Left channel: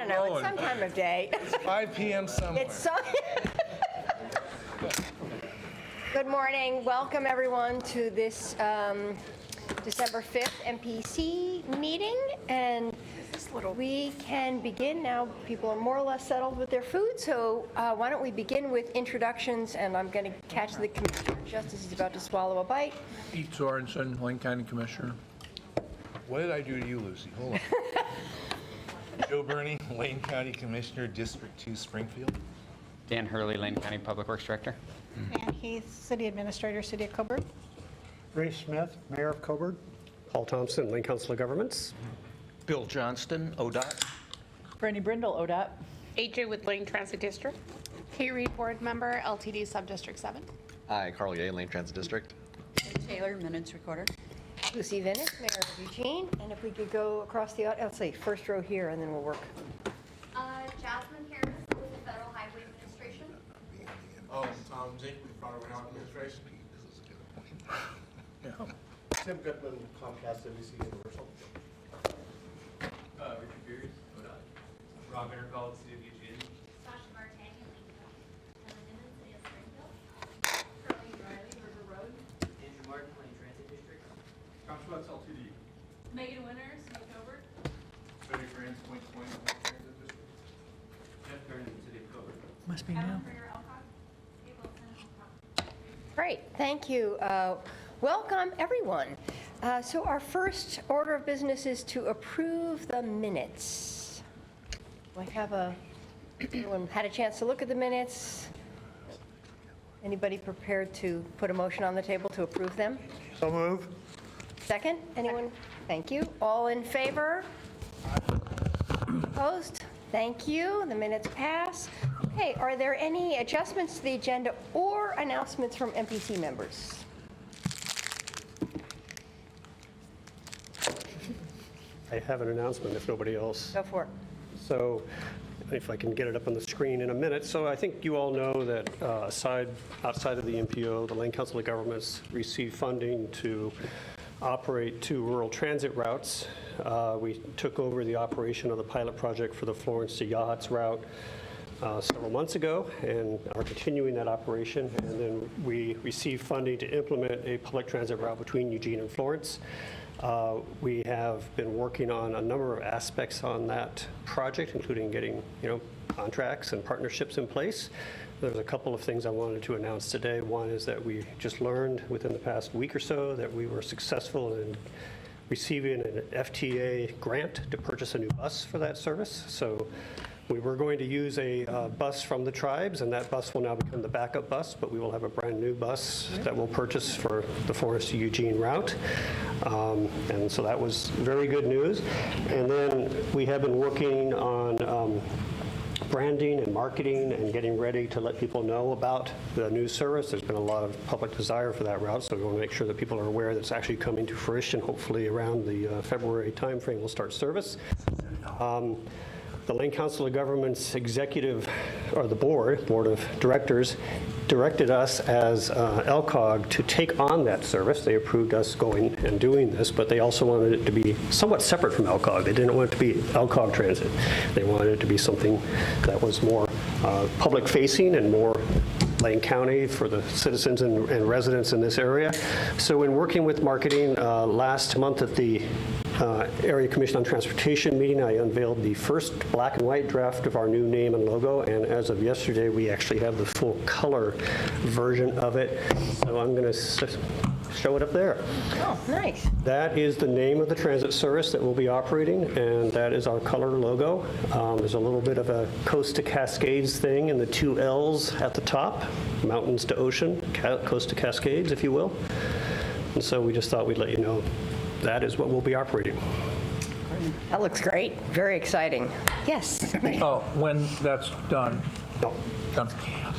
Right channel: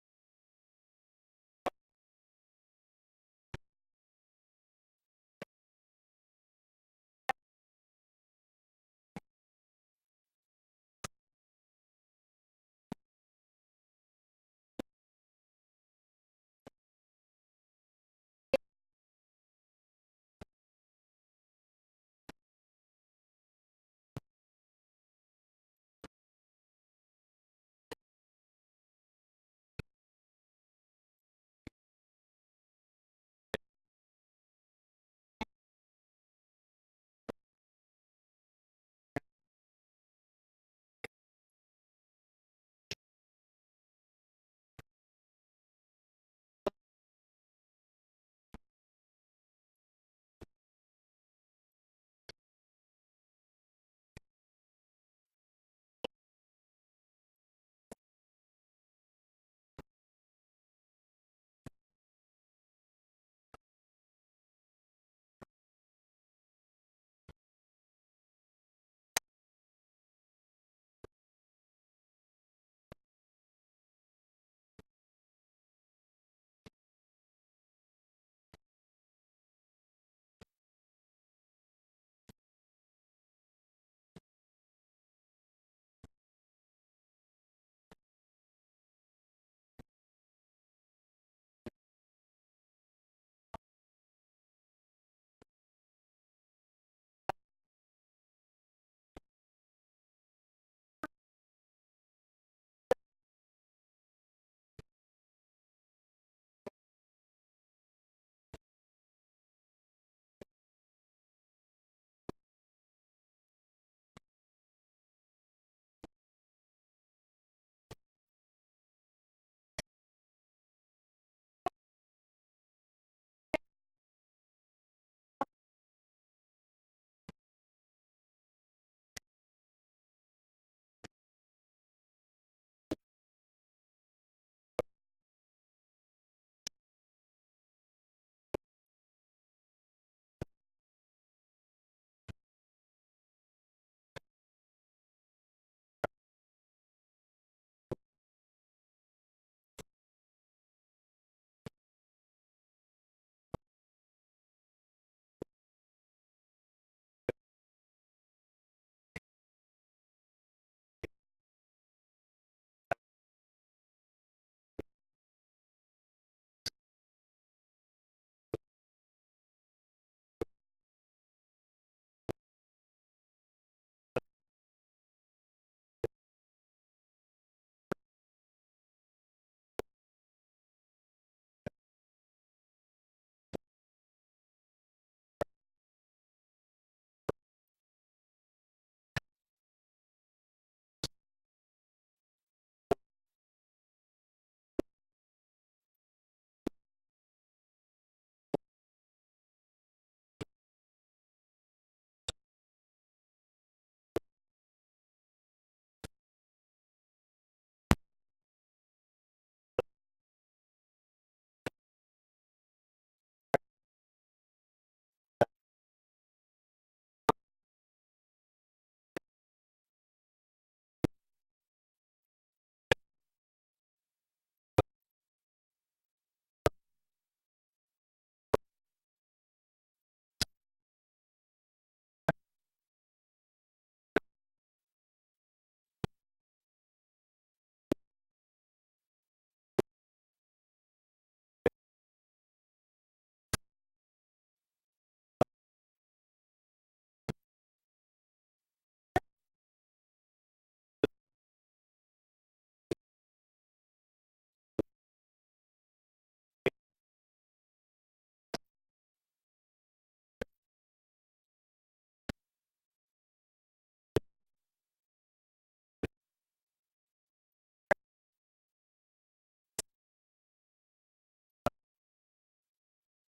don't know, it's some time of day. 5 p.m. somewhere. It's so. Good morning. Welcome, everyone, to this December 5th MPC meeting. And we can begin now. People are more or less settled with their food, so why don't we begin with introductions, and I'm going to catch the Commissioner just as he's about to swallow a bite. Pete Sorensen, Lane County Commissioner. What did I do to you, Lucy? Hold on. Joe Burney, Lane County Commissioner, District 2, Springfield. Dan Hurley, Lane County Public Works Director. Ann Heath, City Administrator, City of Coburg. Ray Smith, Mayor of Coburg. Paul Thompson, Lane Council of Governments. Bill Johnston, ODOT. Brandy Brindle, ODOT. AJ with Lane Transit District. Kay Reed, Board Member, LTD Subdistrict 7. Hi, Carl Ye, Lane Transit District. Taylor, Minutes Recorder. Lucy Venus, Mayor of Eugene. And if we could go across the, let's see, first row here, and then we'll work. Jasmine Harris with the Federal Highway Administration. Tom Jake with Federal Highway Administration. Tim Goodman, Comcast NBC Universal. Richard Beers, ODOT. Rob Intercall, City of Eugene. Sasha Martin, Ellen Nimmons, City of Springfield. Curly Riley, River Road. Andrew Martin, Lane Transit District. Tom Schwartz, LTD. Megan Winter, City of Coburg. Betty Franz, Point Point, Lane Transit District. Jeff Kernan, City of Coburg. Must be now. Great, thank you. Welcome, everyone. So our first order of business is to approve the minutes. Do I have everyone had a chance to look at the minutes? Anybody prepared to put a motion on the table to approve them? So move. Second, anyone? Thank you. All in favor? Opposed? Thank you. The minutes pass. Okay, are there any adjustments to the agenda or announcements from MPC members? I have an announcement if nobody else. Go for it. So if I can get it up on the screen in a minute. So I think you all know that outside of the MPO, the Lane Council of Governments received funding to operate 2 rural transit routes. We took over the operation of the pilot project for the Florence to Yachts route several months ago and are continuing that operation. And then we received funding to implement a public transit route between Eugene and Florence. We have been working on a number of aspects on that project, including getting, contracts and partnerships in place. There's a couple of things I wanted to announce today. One is that we just learned within the past week or so that we were successful in receiving an FTA grant to purchase a new bus for that service. So we were going to use a bus from the tribes, and that bus will now become the backup bus, but we will have a brand new bus that we'll purchase for the Forest to Eugene route. And so that was very good news. And then we have been working on branding and marketing and getting ready to let people know about the new service. There's been a lot of public desire for that route, so we want to make sure that people are aware that it's actually coming to fruition. Hopefully around the February timeframe we'll start service. The Lane Council of Governments executive, or the board of directors, directed us as LCOG to take on that service. They approved us going and doing this, but they also wanted it to be somewhat separate from LCOG. They didn't want it to be LCOG transit. They wanted it to be something that was more public-facing and more Lane County for the citizens and residents in this area. So in working with marketing, last month at the Area Commission on Transportation meeting, I unveiled the first black and white draft of our new name and logo, and as of yesterday, we actually have the full color version of it. So I'm going to show it up there. Oh, nice. That is the name of the transit service that will be operating, and that is our color logo. There's a little bit of a coast to Cascades thing, and the 2 L's at the top, mountains to ocean, coast to Cascades, if you will. And so we just thought we'd let you know that is what we'll be operating. That looks great. Very exciting. Yes. Oh, when that's done. No. Done.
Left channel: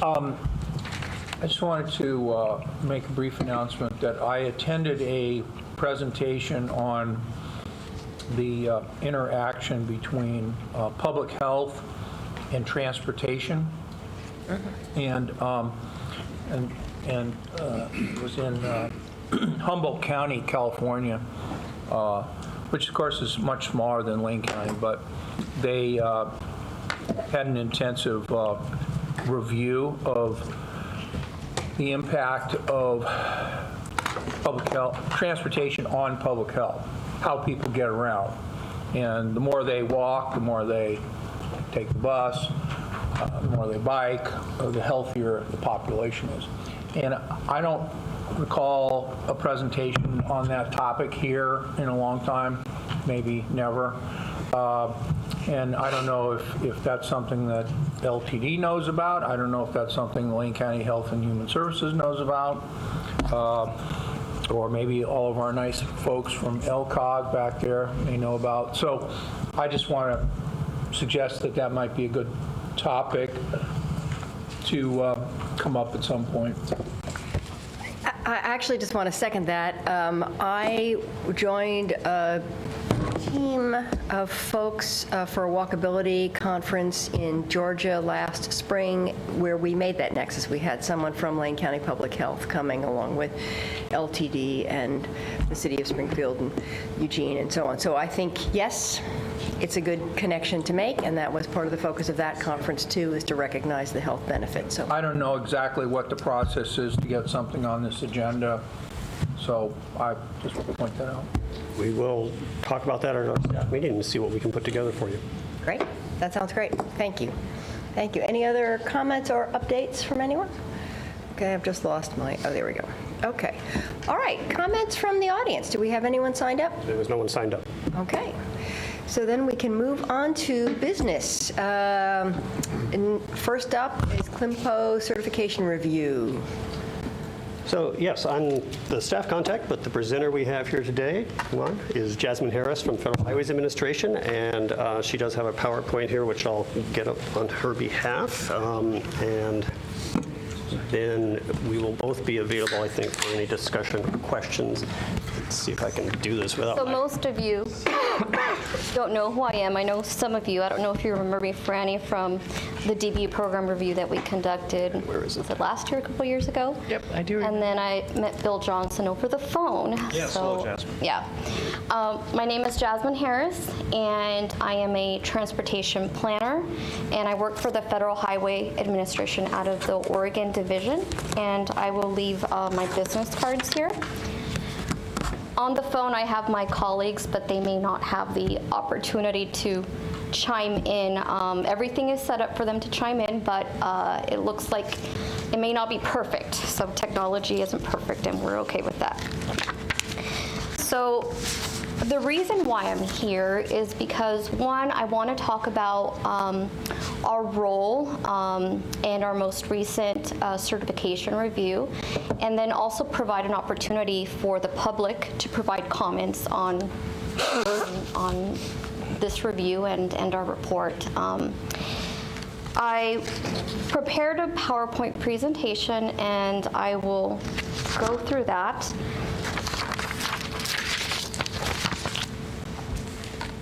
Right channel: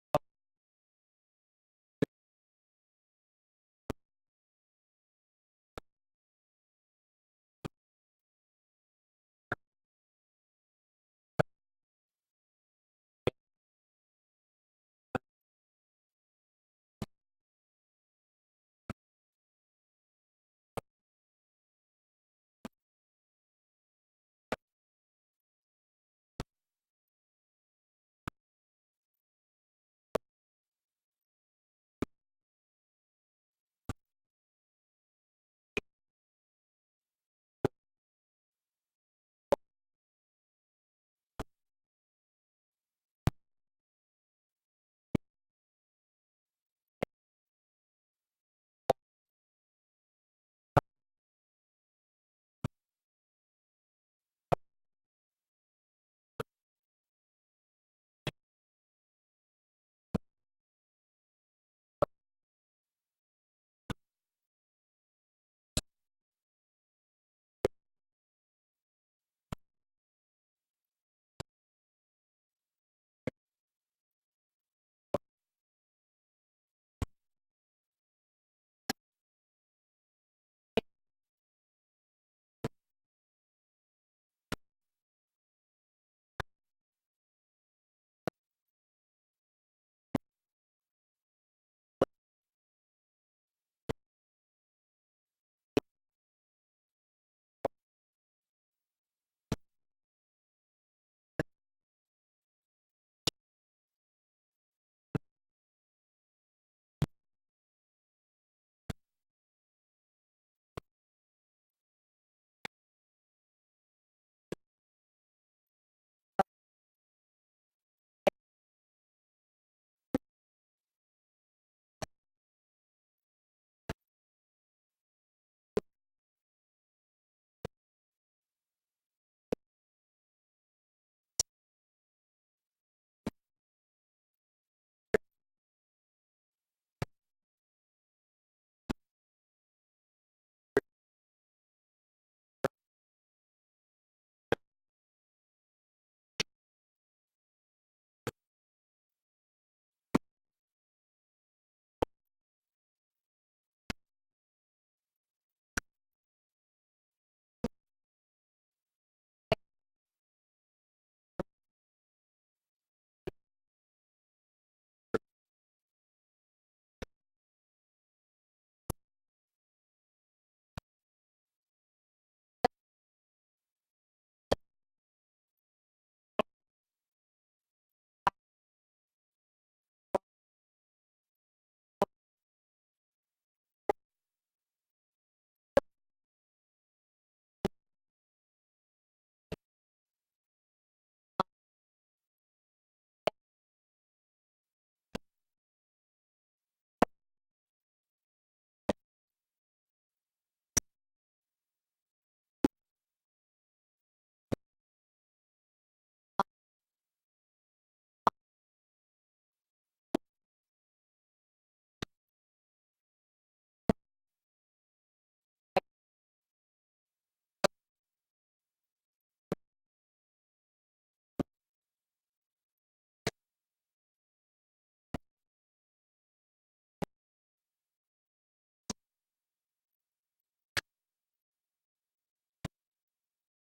I just wanted to make a brief announcement that I attended a presentation on the interaction between public health and transportation, and it was in Humboldt County, California, which of course is much smaller than Lane County, but they had an intensive review of the impact of public health, transportation on public health, how people get around. And the more they walk, the more they take the bus, the more they bike, the healthier the population is. And I don't recall a presentation on that topic here in a long time, maybe never. And I don't know if that's something that LTD knows about. I don't know if that's something the Lane County Health and Human Services knows about. Or maybe all of our nice folks from LCOG back there may know about. So I just want to suggest that that might be a good topic to come up at some point. I actually just want to second that. I joined a team of folks for a walkability conference in Georgia last spring where we made that nexus. We had someone from Lane County Public Health coming along with LTD and the city of Springfield and Eugene and so on. So I think, yes, it's a good connection to make, and that was part of the focus of that conference too, is to recognize the health benefits. So I don't know exactly what the process is to get something on this agenda, so I just want to point that out. We will talk about that at our staff meeting and see what we can put together for you. great. That sounds great. Thank you. Thank you. Any other comments or updates from anyone? Okay, I've just lost my, oh, there we go. Okay. All right, comments from the audience. Do we have anyone signed up? There was no one signed up. Okay. So then we can move on to business. And first up is Climpo certification review. So yes, I'm the staff contact, but the presenter we have here today, is Jasmine Harris from Federal Highways Administration, and she does have a PowerPoint here, which I'll get up on her behalf. And then we will both be available, I think, for any discussion or questions. Let's see if I can do this without So most of you don't know who I am. I know some of you. I don't know if you remember me, Franny, from the DBU program review that we conducted. Where is it? Was it last year, a couple years ago? Yep, I do. And then I met Bill Johnson over the phone. Yes, hello, Jasmine. Yeah. My name is Jasmine Harris, and I am a transportation planner, and I work for the Federal Highway Administration out of the Oregon Division, and I will leave my business cards here. On the phone, I have my colleagues, but they may not have the opportunity to chime in. Everything is set up for them to chime in, but it looks like it may not be perfect. So technology isn't perfect, and we're okay with that. So the reason why I'm here is because, one, I want to talk about our role and our most recent certification review, and then also provide an opportunity for the public to provide comments on this review and our report. I prepared a PowerPoint presentation, and I will go through that.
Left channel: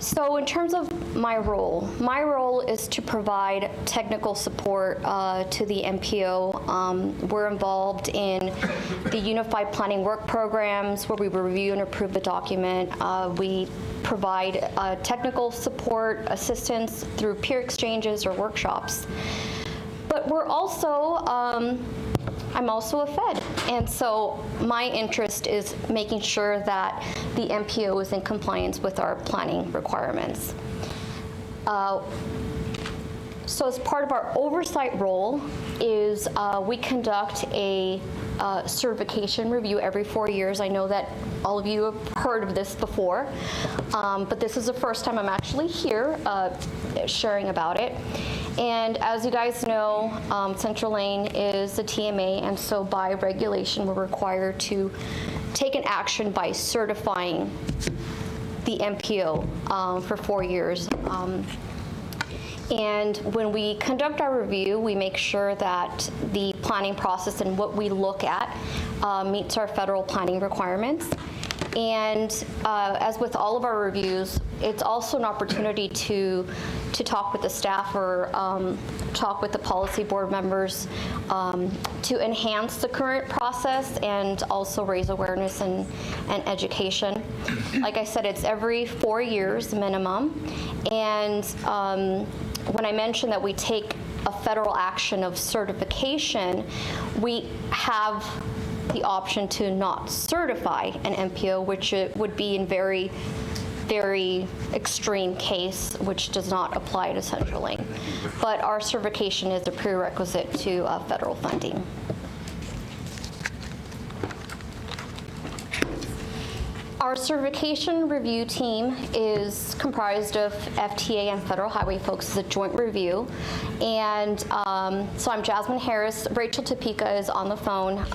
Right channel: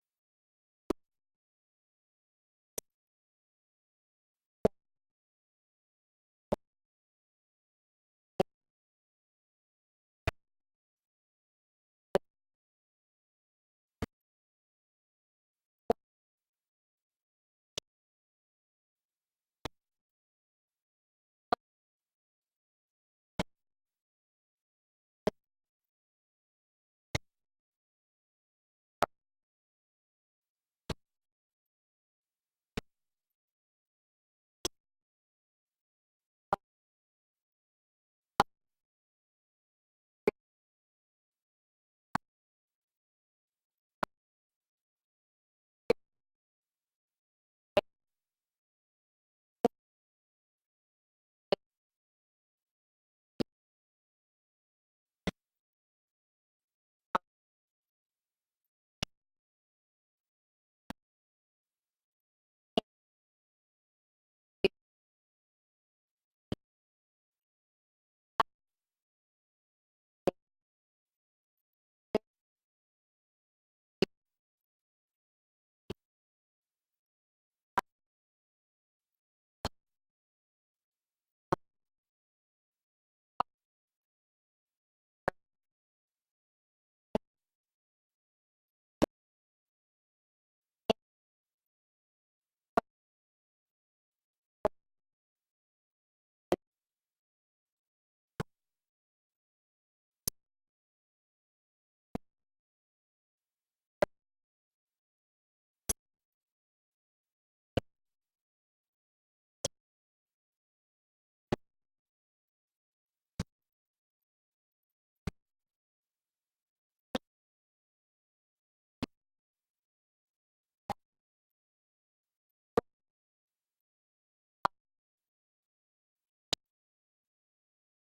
So in terms of my role is to provide technical support to the MPO. We're involved in the Unified Planning Work Programs where we review and approve the document. We provide technical support assistance through peer exchanges or workshops. But we're also I'm also a Fed, and so my interest is making sure that the MPO is in compliance with our planning requirements. So as part of our oversight role is we conduct a certification review every 4 years. I know that all of you have heard of this before, but this is the first time I'm actually here sharing about it. And as you guys know, Central Lane is a TMA, and so by regulation, we're required to take an action by certifying the MPO for 4 years. And when we conduct our review, we make sure that the planning process and what we look at meets our federal planning requirements. And as with all of our reviews, it's also an opportunity to talk with the staff or talk with the policy board members to enhance the current process and also raise awareness and education. Like I said, it's every 4 years minimum. And when I mentioned that we take a federal action of certification, we have the option to not certify an MPO, which it would be in very, very extreme case, which does not apply to CenturyLink. But our certification is a prerequisite to federal funding. Our certification review team is comprised of FTA and federal highway folks. It's a joint review. And so I'm Jasmine Harris. Rachel Topeka is on the phone,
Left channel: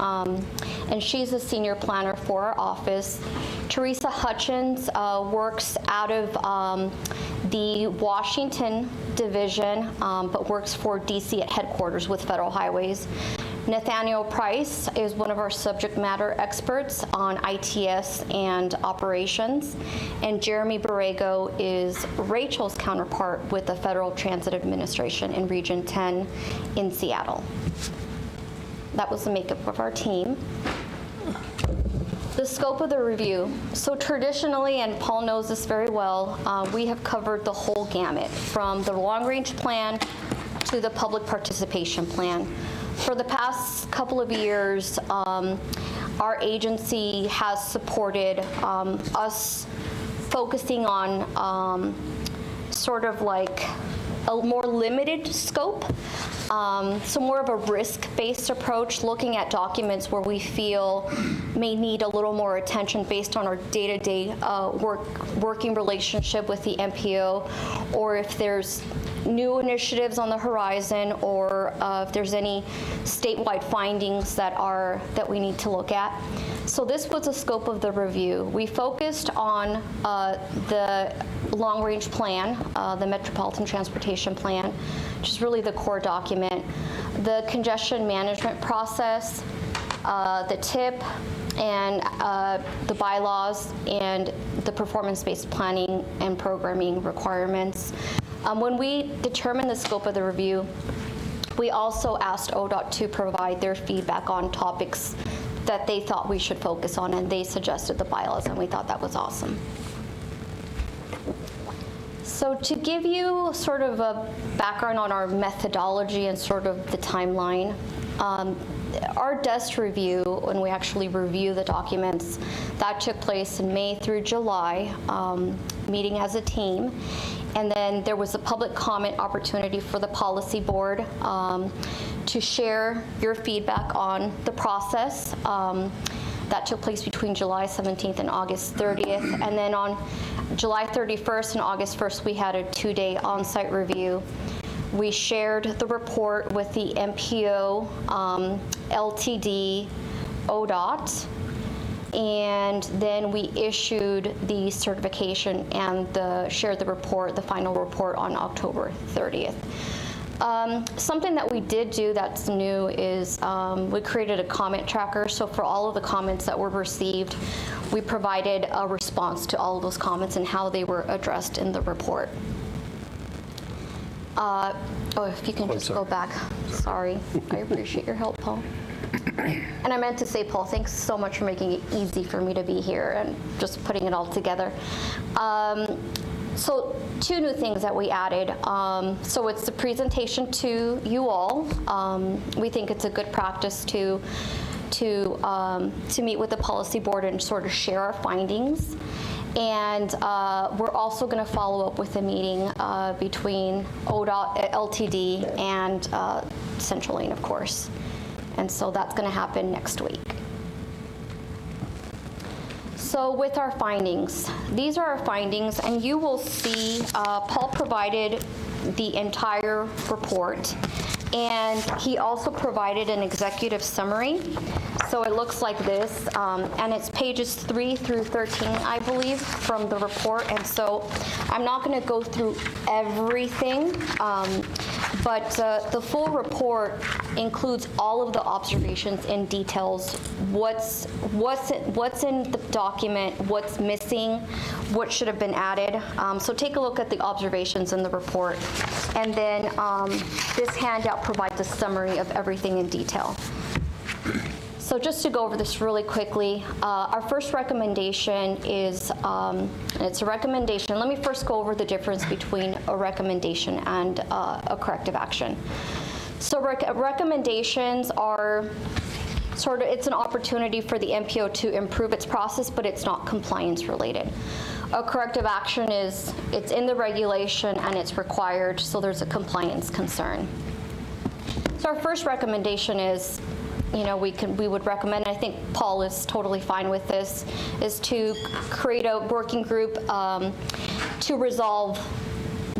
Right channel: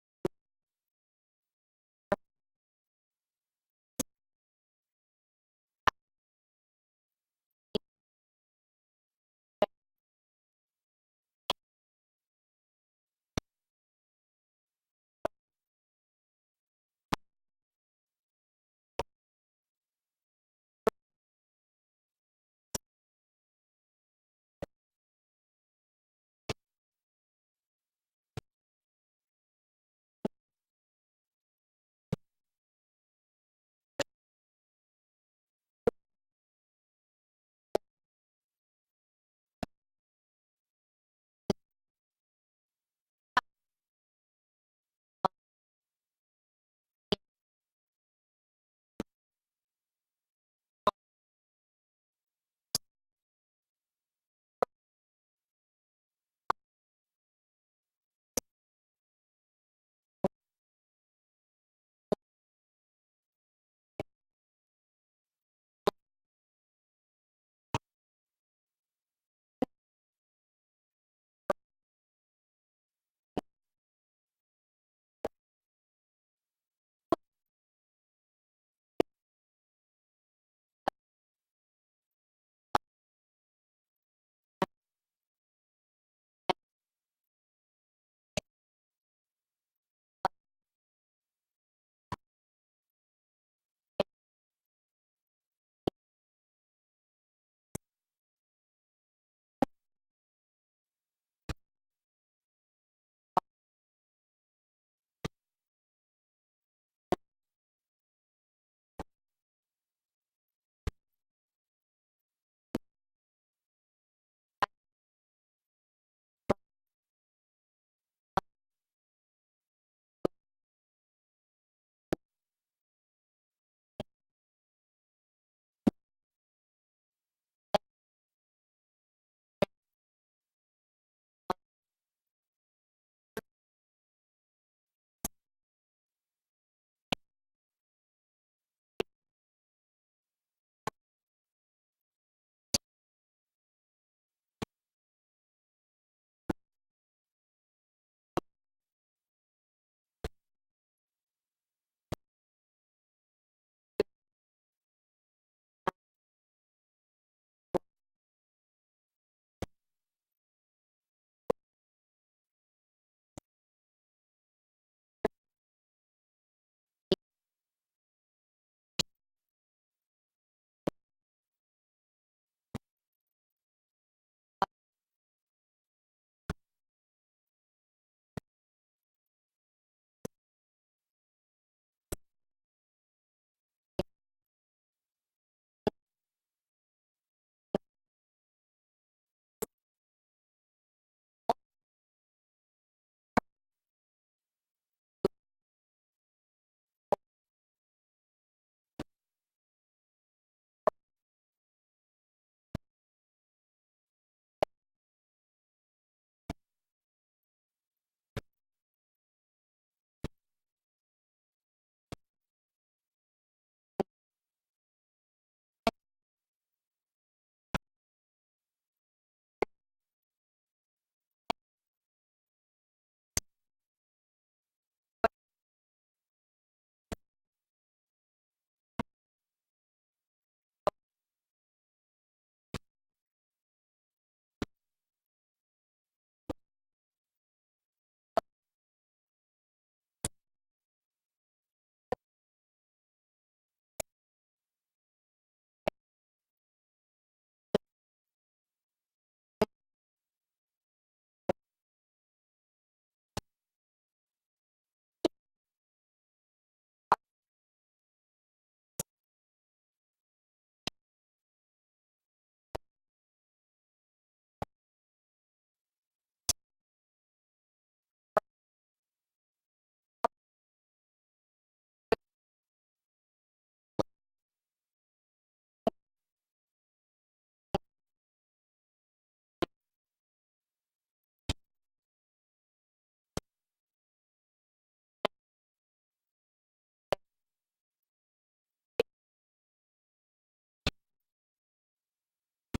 and she's a senior planner for our office. Teresa Hutchins works out of the Washington division, but works for DC at headquarters with Federal Highways. Nathaniel Price is one of our subject matter experts on ITS and operations. And Jeremy Borrego is Rachel's counterpart with the Federal Transit Administration in Region 10 in Seattle. That was the makeup of our team. The scope of the review. So traditionally, and Paul knows this very well, we have covered the whole gamut from the long-range plan to the public participation plan. For the past couple of years, our agency has supported us focusing on sort of like a more limited scope, so more of a risk-based approach, looking at documents where we feel may need a little more attention based on our day-to-day working relationship with the MPO, or if there's new initiatives on the horizon, or if there's any statewide findings that we need to look at. So this was the scope of the review. We focused on the long-range plan, the Metropolitan Transportation Plan, which is really the core document, the congestion management process, the TIP, and the bylaws, and the performance-based planning and programming requirements. When we determined the scope of the review, we also asked ODOT to provide their feedback on topics that they thought we should focus on, and they suggested the bylaws, and we thought that was awesome. So to give you sort of a background on our methodology and sort of the timeline, our desk review, when we actually review the documents, that took place in May through July, meeting as a team. And then there was a public comment opportunity for the policy board to share your feedback on the process. That took place between July 17th and August 30th. And then on July 31st and August 1st, we had a 2-day on-site review. We shared the report with the MPO, LTD, ODOT, and then we issued the certification and shared the report, the final report, on October 30th. Something that we did do that's new is we created a comment tracker. So for all of the comments that were received, we provided a response to all of those comments and how they were addressed in the report. If you can just go back. Sorry. I appreciate your help, Paul. And I meant to say, Paul, thanks so much for making it easy for me to be here and just putting it all together. So 2 new things that we added. So it's the presentation to you all. We think it's a good practice to meet with the policy board and sort of share our findings. And we're also going to follow up with a meeting between ODOT, LTD, and CenturyLink, of course. And so that's going to happen next week. So with our findings, these are our findings, and you will see Paul provided the entire report, and he also provided an executive summary. So it looks like this, and it's pages 3 through 13, I believe, from the report. And so I'm not going to go through everything, but the full report includes all of the observations and details, what's in the document, what's missing, what should have been added. So take a look at the observations in the report. And then this handout provides a summary of everything in detail. So just to go over this really quickly, our first recommendation is, it's a recommendation. Let me first go over the difference between a recommendation and a corrective action. So recommendations are sort of, it's an opportunity for the MPO to improve its process, but it's not compliance related. A corrective action is, it's in the regulation and it's required, so there's a compliance concern. So our first recommendation is, we would recommend, and I think Paul is totally fine with this, is to create a working group to resolve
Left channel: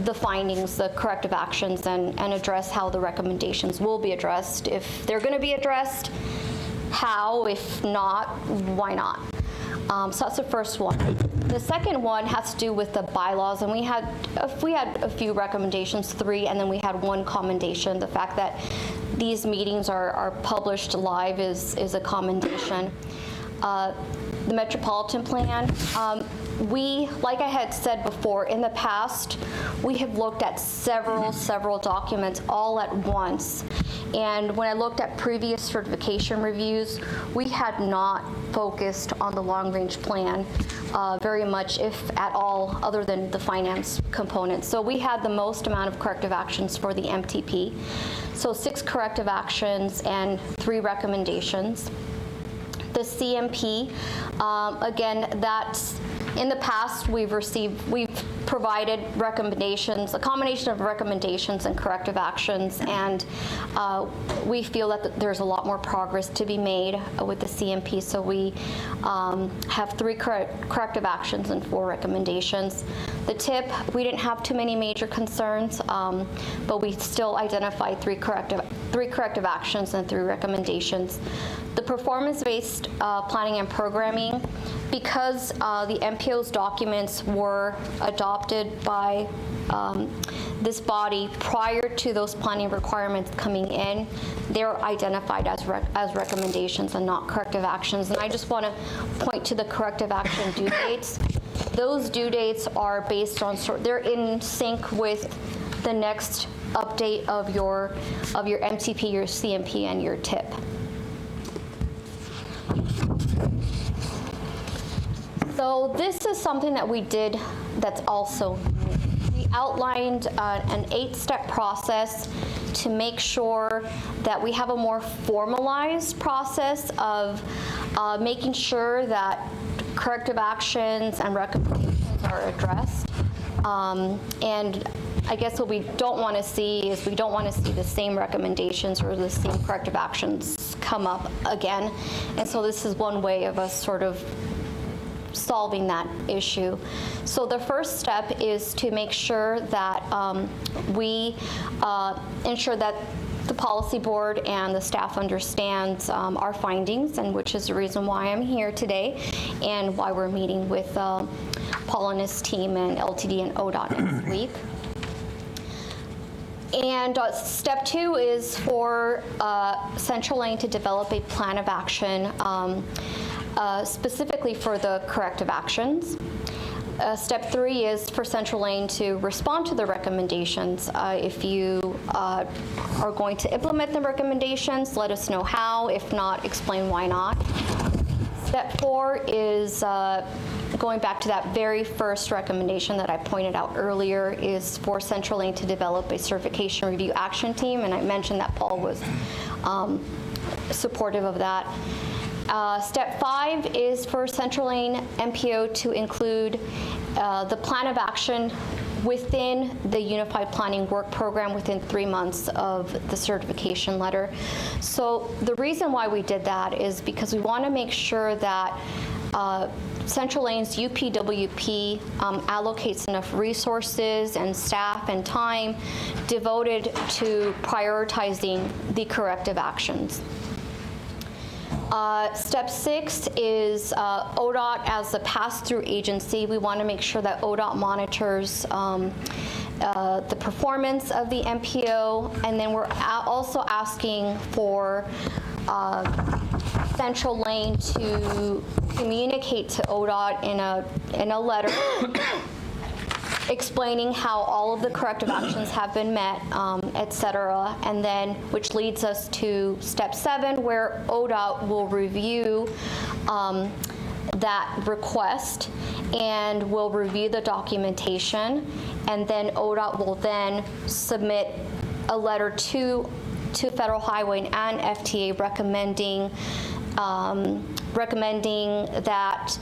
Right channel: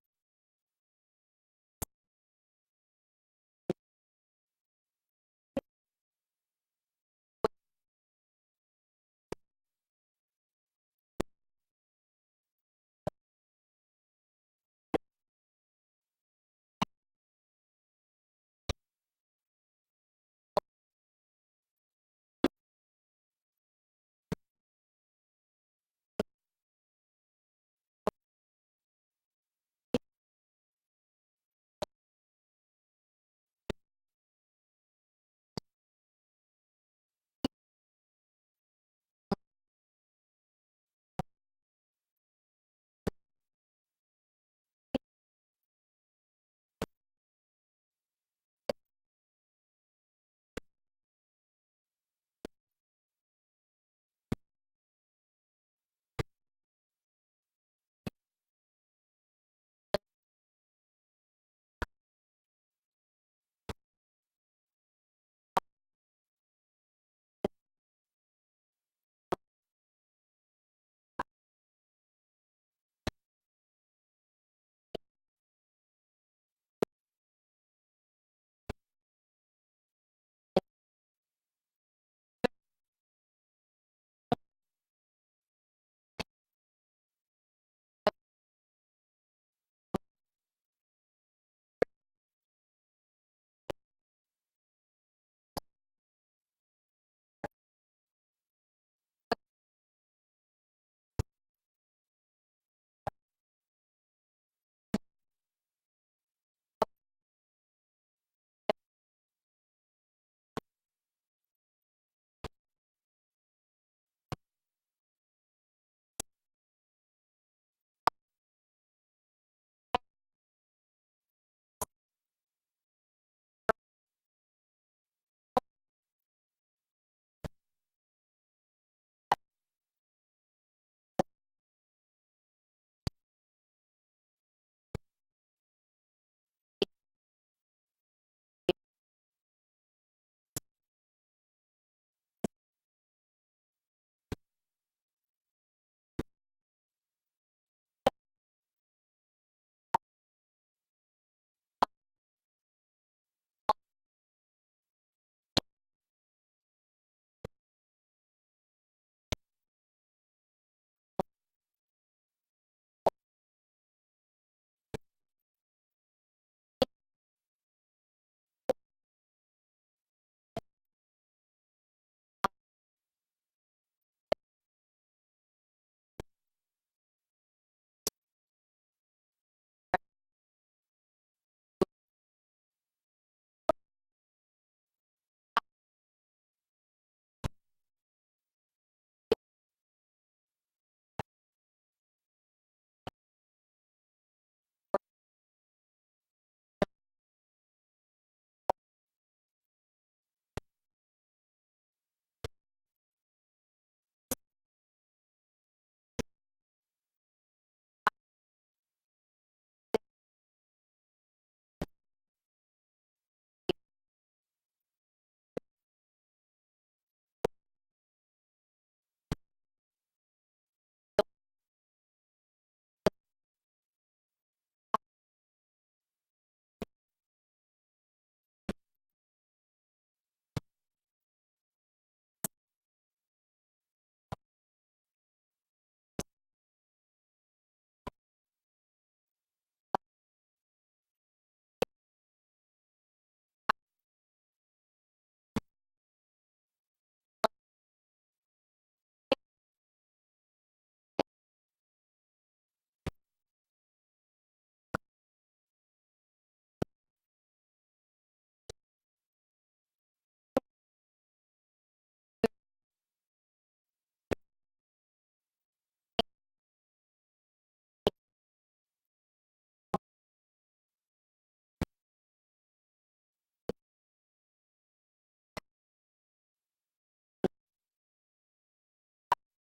the findings, the corrective actions, and address how the recommendations will be addressed. If they're going to be addressed, how? If not, why not? So that's the first one. The second one has to do with the bylaws, and we had a few recommendations, 3, and then we had one commendation. The fact that these meetings are published live is a commendation. The Metropolitan Plan, we, like I had said before, in the past, we have looked at several documents all at once. And when I looked at previous certification reviews, we had not focused on the long-range plan very much, if at all, other than the finance component. So we had the most amount of corrective actions for the MTP. So 6 corrective actions and 3 recommendations. The CMP, again, that's in the past we've provided recommendations, a combination of recommendations and corrective actions, and we feel that there's a lot more progress to be made with the CMP. So we have 3 corrective actions and 4 recommendations. The TIP, we didn't have too many major concerns, but we still identified 3 corrective actions and 3 recommendations. The performance-based planning and programming, because the MPO's documents were adopted by this body prior to those planning requirements coming in, they're identified as recommendations and not corrective actions. And I just want to point to the corrective action due dates. Those due dates are based on, they're in sync with the next update of your MTP, your CMP, and your TIP. So this is something that we did that's also new. We outlined an 8-step process to make sure that we have a more formalized process of making sure that corrective actions and recommendations are addressed. And I guess what we don't want to see is we don't want to see the same recommendations or the same corrective actions come up again. And so this is one way of us sort of solving that issue. So the first step is to make sure that we ensure that the policy board and the staff understands our findings, and which is the reason why I'm here today and why we're meeting with Paul and his team and LTD and ODOT next week. And step 2 is for Central Lane to develop a plan of action specifically for the corrective actions. Step 3 is for Central Lane to respond to the recommendations. If you are going to implement the recommendations, let us know how. If not, explain why not. Step 4 is going back to that very first recommendation that I pointed out earlier, is for Central Lane to develop a certification review action team, and I mentioned that Paul was supportive of that. Step 5 is for Central Lane MPO to include the plan of action within the Unified Planning Work Program within 3 months of the certification letter. So the reason why we did that is because we want to make sure that Central Lane's UPWP allocates enough resources and staff and time devoted to prioritizing the corrective actions. Step 6 is ODOT as a pass-through agency. We want to make sure that ODOT monitors the performance of the MPO, and then we're also asking for Central Lane to communicate to ODOT in a letter explaining how all of the corrective actions have been met, et cetera, and then which leads us to step 7, where ODOT will review that request and will review the documentation, and then ODOT will then submit a letter to Federal Highway and FTA recommending that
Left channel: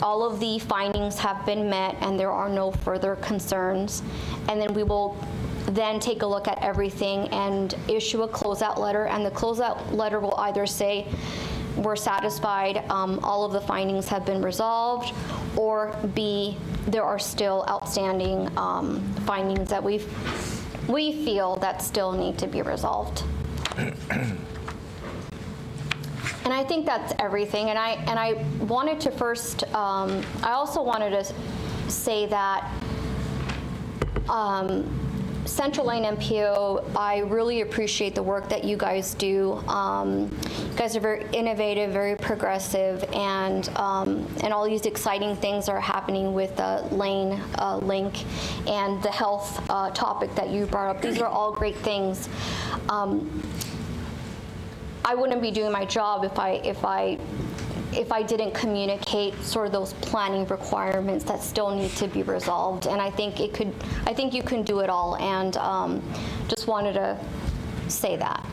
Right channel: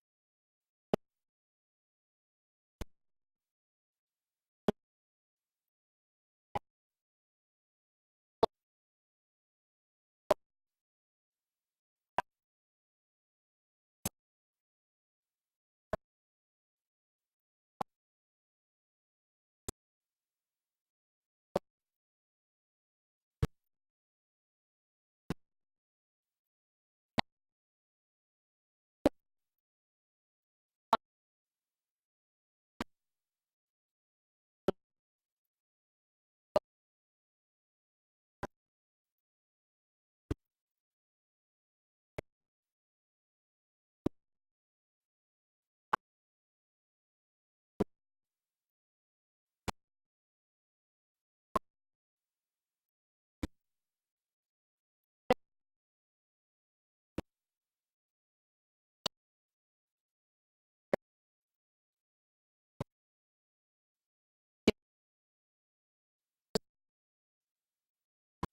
all of the findings have been met and there are no further concerns. And then we will then take a look at everything and issue a closeout letter. And the closeout letter will either say, we're satisfied, all of the findings have been resolved, or B, there are still outstanding findings that we feel that still need to be resolved. And I think that's everything. And I wanted to first, I also wanted to say that Central Lane MPO, I really appreciate the work that you guys do. You guys are very innovative, very progressive, and all these exciting things are happening with the Lane Link and the health topic that you brought up. These are all great things. I wouldn't be doing my job if I didn't communicate sort of those planning requirements that still need to be resolved. And I think you can do it all, and just wanted to say that.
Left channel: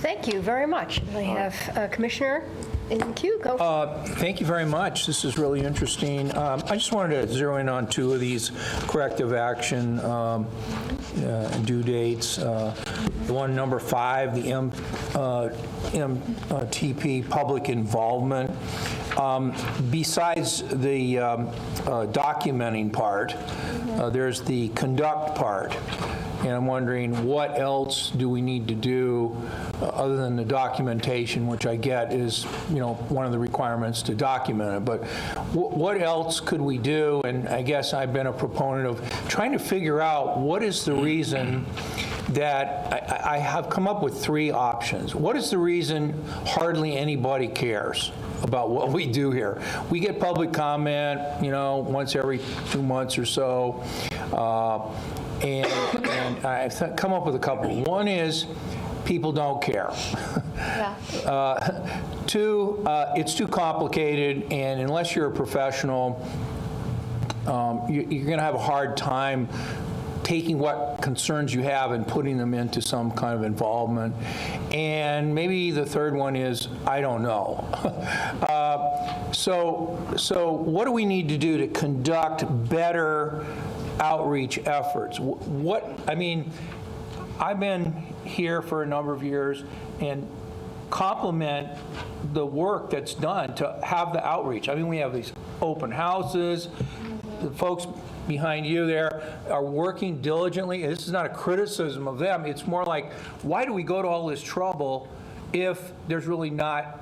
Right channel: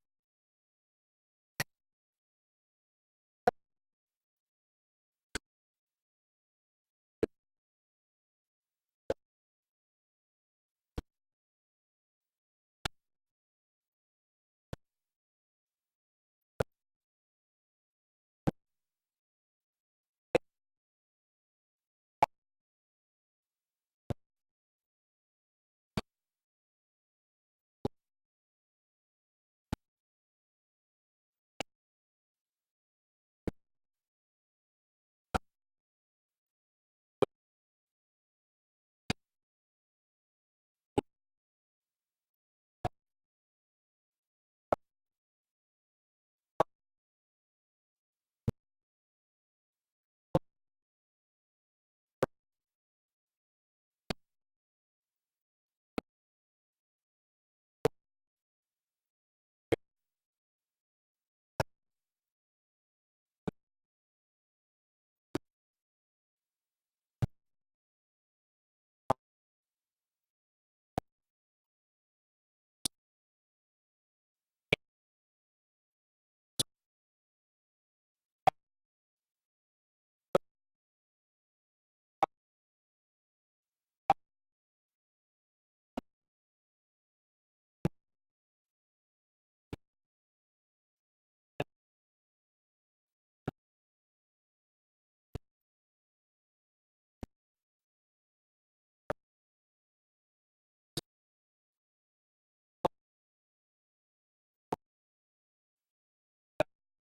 Thank you very much. I have Commissioner in the queue. Go. Thank you very much. This is really interesting. I just wanted to zero in on 2 of these corrective action due dates. The one, number 5, the MTP public involvement. Besides the documenting part, there's the conduct part. And I'm wondering, what else do we need to do other than the documentation, which I get is, one of the requirements to document it. But what else could we do? And I guess I've been a proponent of trying to figure out what is the reason that I have come up with 3 options. What is the reason hardly anybody cares about what we do here? We get public comment, once every 2 months or so. And I've come up with a couple. One is people don't care. Yeah. 2, it's too complicated, and unless you're a professional, you're going to have a hard time taking what concerns you have and putting them into some kind of involvement. And maybe the third one is, I don't know. So what do we need to do to conduct better outreach efforts? I've been here for a number of years and compliment the work that's done to have the outreach. We have these open houses. The folks behind you there are working diligently. This is not a criticism of them. It's more like, why do we go to all this trouble if there's really not,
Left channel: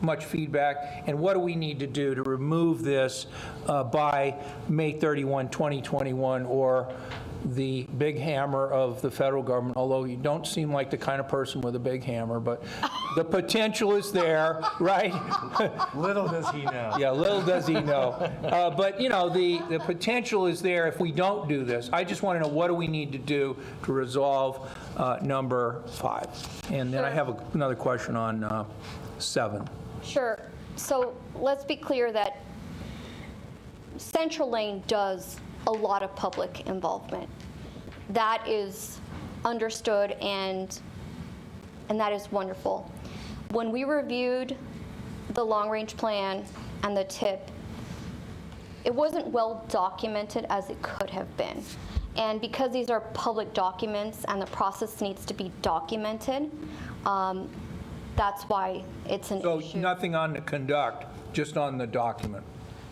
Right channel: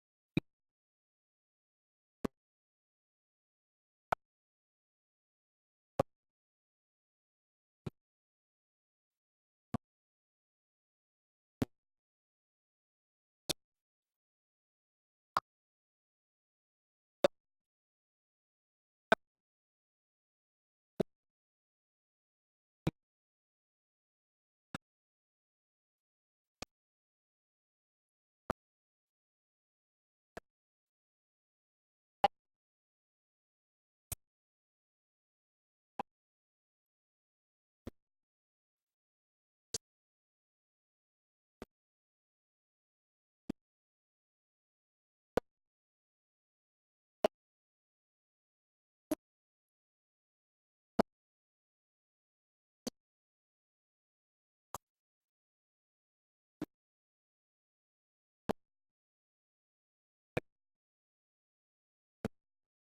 much feedback, and what do we need to do to remove this by May 31, 2021, or the big hammer of the federal government, although you don't seem like the kind of person with a big hammer, but the potential is there, right? Little does he know. Yeah, little does he know. But, the potential is there if we don't do this. I just want to know, what do we need to do to resolve number 5? And then I have another question on 7. Sure. So let's be clear that Central Lane does a lot of public involvement. That is understood, and that is wonderful. When we reviewed the long-range plan and the TIP, it wasn't well documented as it could have been. And because these are public documents and the process needs to be documented, that's why it's an issue. So nothing on the conduct, just on the document?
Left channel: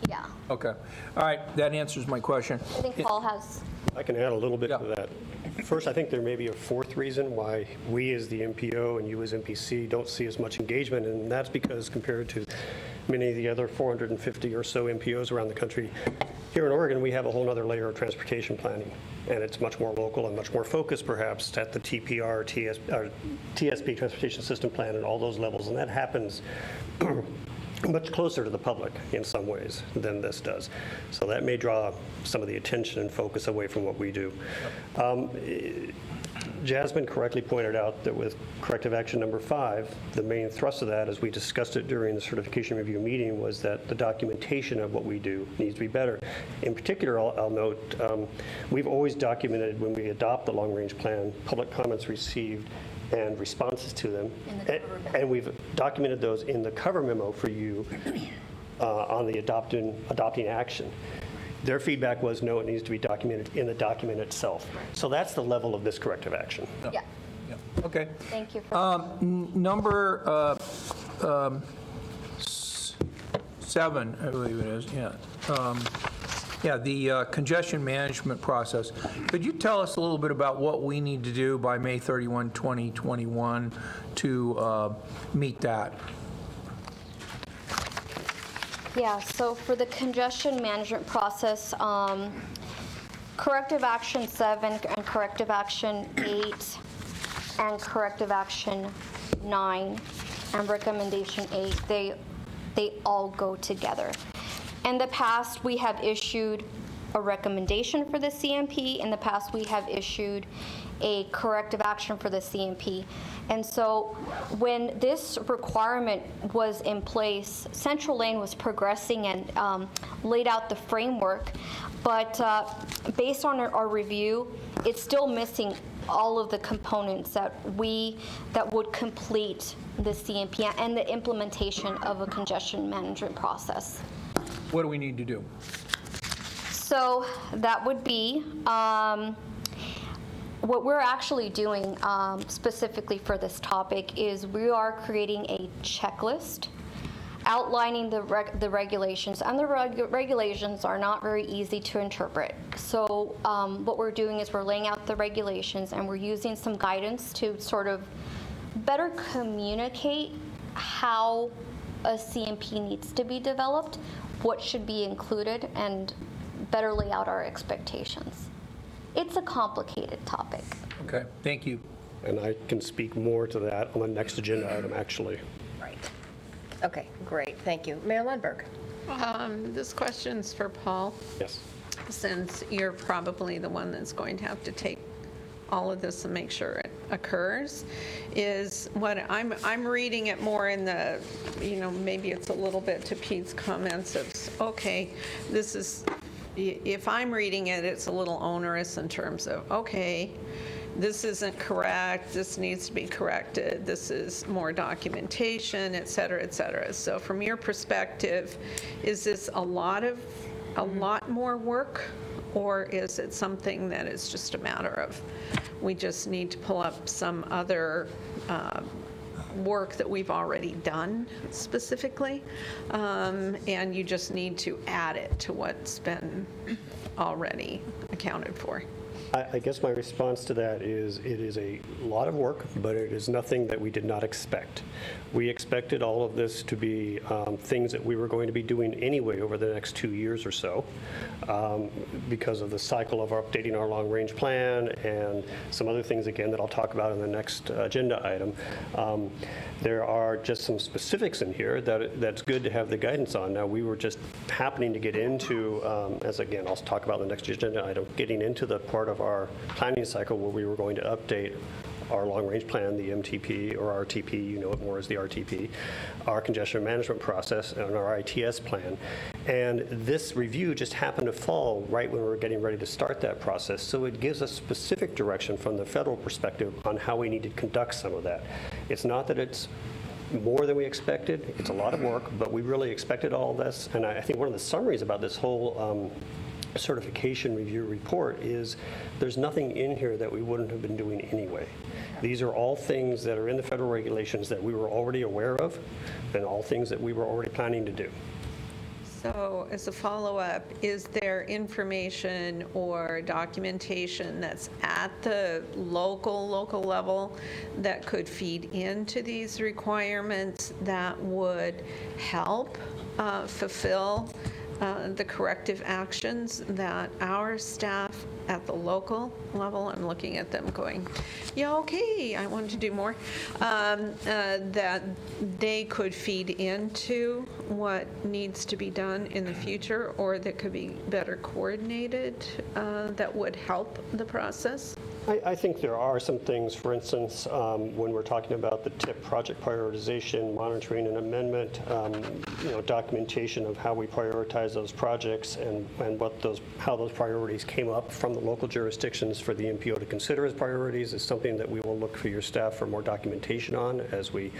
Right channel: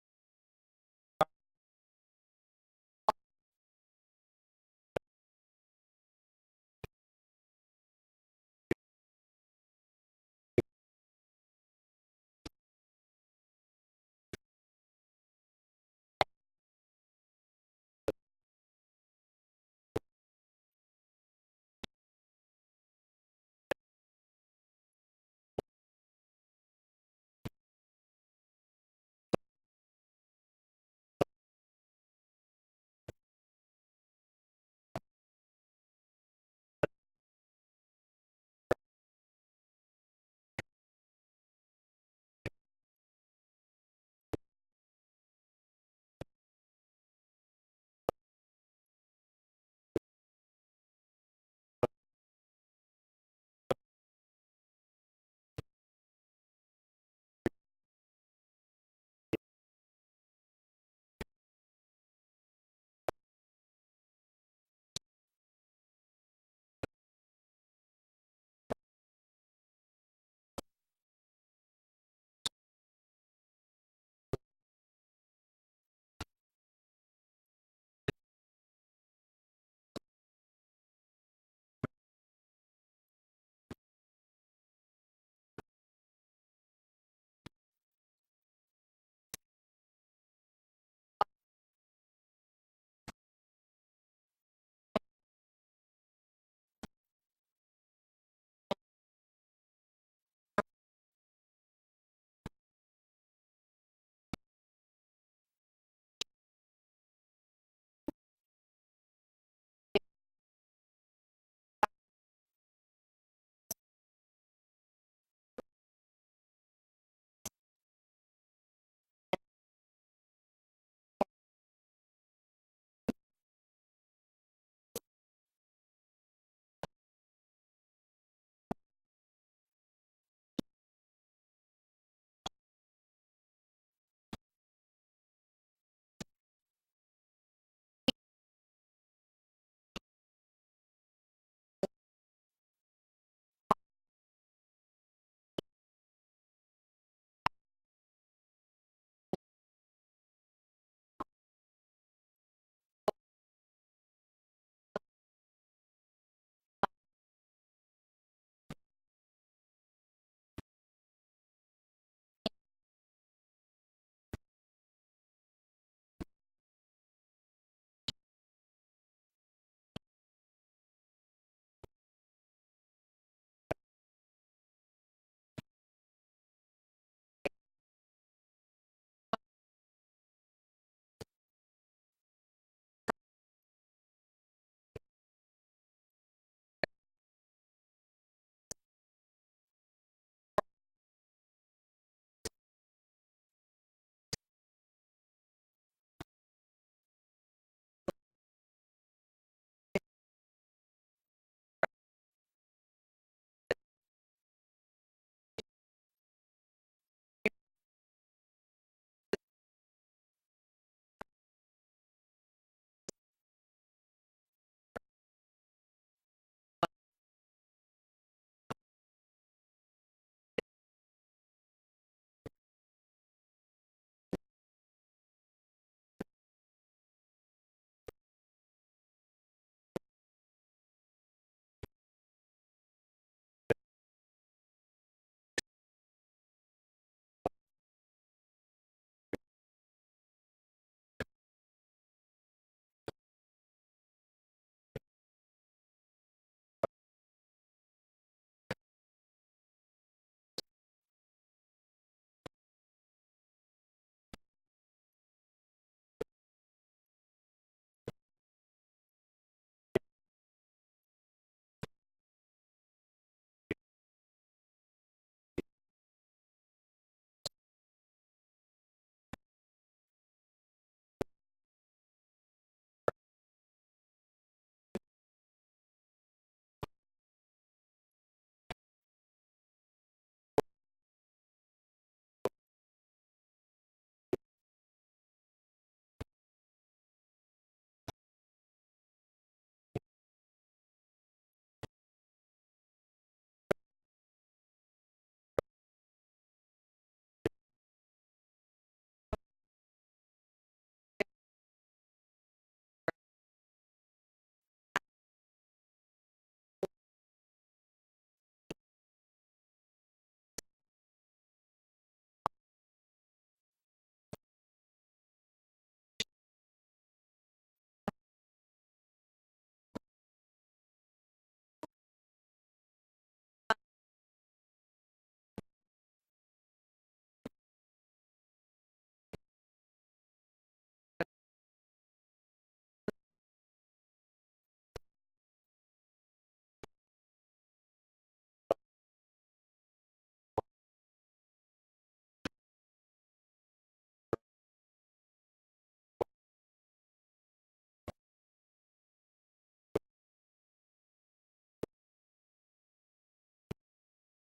Yeah. Okay. All right, that answers my question. I think Paul has. I can add a little bit to that. First, I think there may be a fourth reason why we as the MPO and you as MPC don't see as much engagement, and that's because compared to many of the other 450 or so MPOs around the country, here in Oregon, we have a whole other layer of transportation planning, and it's much more local and much more focused perhaps at the TPR, TSP, Transportation System Plan, and all those levels, and that happens much closer to the public in some ways than this does. So that may draw some of the attention and focus away from what we do. Jasmine correctly pointed out that with corrective action number 5, the main thrust of that, as we discussed it during the certification review meeting, was that the documentation of what we do needs to be better. In particular, I'll note, we've always documented when we adopt the long-range plan, public comments received and responses to them. And we've documented those in the cover memo for you on the adopting action. Their feedback was, no, it needs to be documented in the document itself. So that's the level of this corrective action. Yeah, Okay. thank you for Number 7, I believe it is, yeah. The congestion management process. Could you tell us a little bit about what we need to do by May 31, 2021 to meet that? Yeah, so for the congestion management process, corrective action 7 and corrective action 8 and corrective action 9 and recommendation 8, they all go together. In the past, we have issued a recommendation for the CMP. In the past, we have issued a corrective action for the CMP. And so when this requirement was in place, Central Lane was progressing and laid out the framework, but based on our review, it's still missing all of the components that would complete the CMP and the implementation of a congestion management process. What do we need to do? So that would be what we're actually doing specifically for this topic is we are creating a checklist outlining the regulations, and the regulations are not very easy to interpret. So what we're doing is we're laying out the regulations and we're using some guidance to sort of better communicate how a CMP needs to be developed, what should be included, and better lay out our expectations. It's a complicated topic. Okay, thank you. And I can speak more to that on the next agenda item, actually. Right. Okay, great, thank you. Mayor Lundberg. This question's for Paul, Yes. since you're probably the one that's going to have to take all of this and make sure it occurs, is what I'm reading it more in the, maybe it's a little bit to Pete's comments of, okay, this is, if I'm reading it, it's a little onerous in terms of, okay, this isn't correct, this needs to be corrected, this is more documentation, et cetera, et cetera. So from your perspective, is this a lot more work, or is it something that is just a matter of, we just need to pull up some other work that we've already done specifically, and you just need to add it to what's been already accounted for? I guess my response to that is it is a lot of work, but it is nothing that we did not expect. We expected all of this to be things that we were going to be doing anyway over the next 2 years or so because of the cycle of updating our long-range plan and some other things, again, that I'll talk about in the next agenda item. There are just some specifics in here that's good to have the guidance on. Now, we were just happening to get into, as again, I'll talk about in the next agenda item, getting into the part of our planning cycle where we were going to update our long-range plan, the MTP or RTP, you know it more as the RTP, our congestion management process, and our ITS plan. And this review just happened to fall right when we were getting ready to start that process. So it gives us specific direction from the federal perspective on how we need to conduct some of that. It's not that it's more than we expected. It's a lot of work, but we really expected all this. And I think one of the summaries about this whole certification review report is there's nothing in here that we wouldn't have been doing anyway. These are all things that are in the federal regulations that we were already aware of and all things that we were already planning to do. So as a follow-up, is there information or documentation that's at the local level that could feed into these requirements that would help fulfill the corrective actions that our staff at the local level, I'm looking at them going, yeah, okay, I want to do more, that they could feed into what needs to be done in the future, or that could be better coordinated, that would help the process? I think there are some things, for instance, when we're talking about the TIP project prioritization, monitoring and amendment, documentation of how we prioritize those projects and how those priorities came up from the local jurisdictions for the MPO to consider as priorities is something that we will look for your staff for more documentation on as we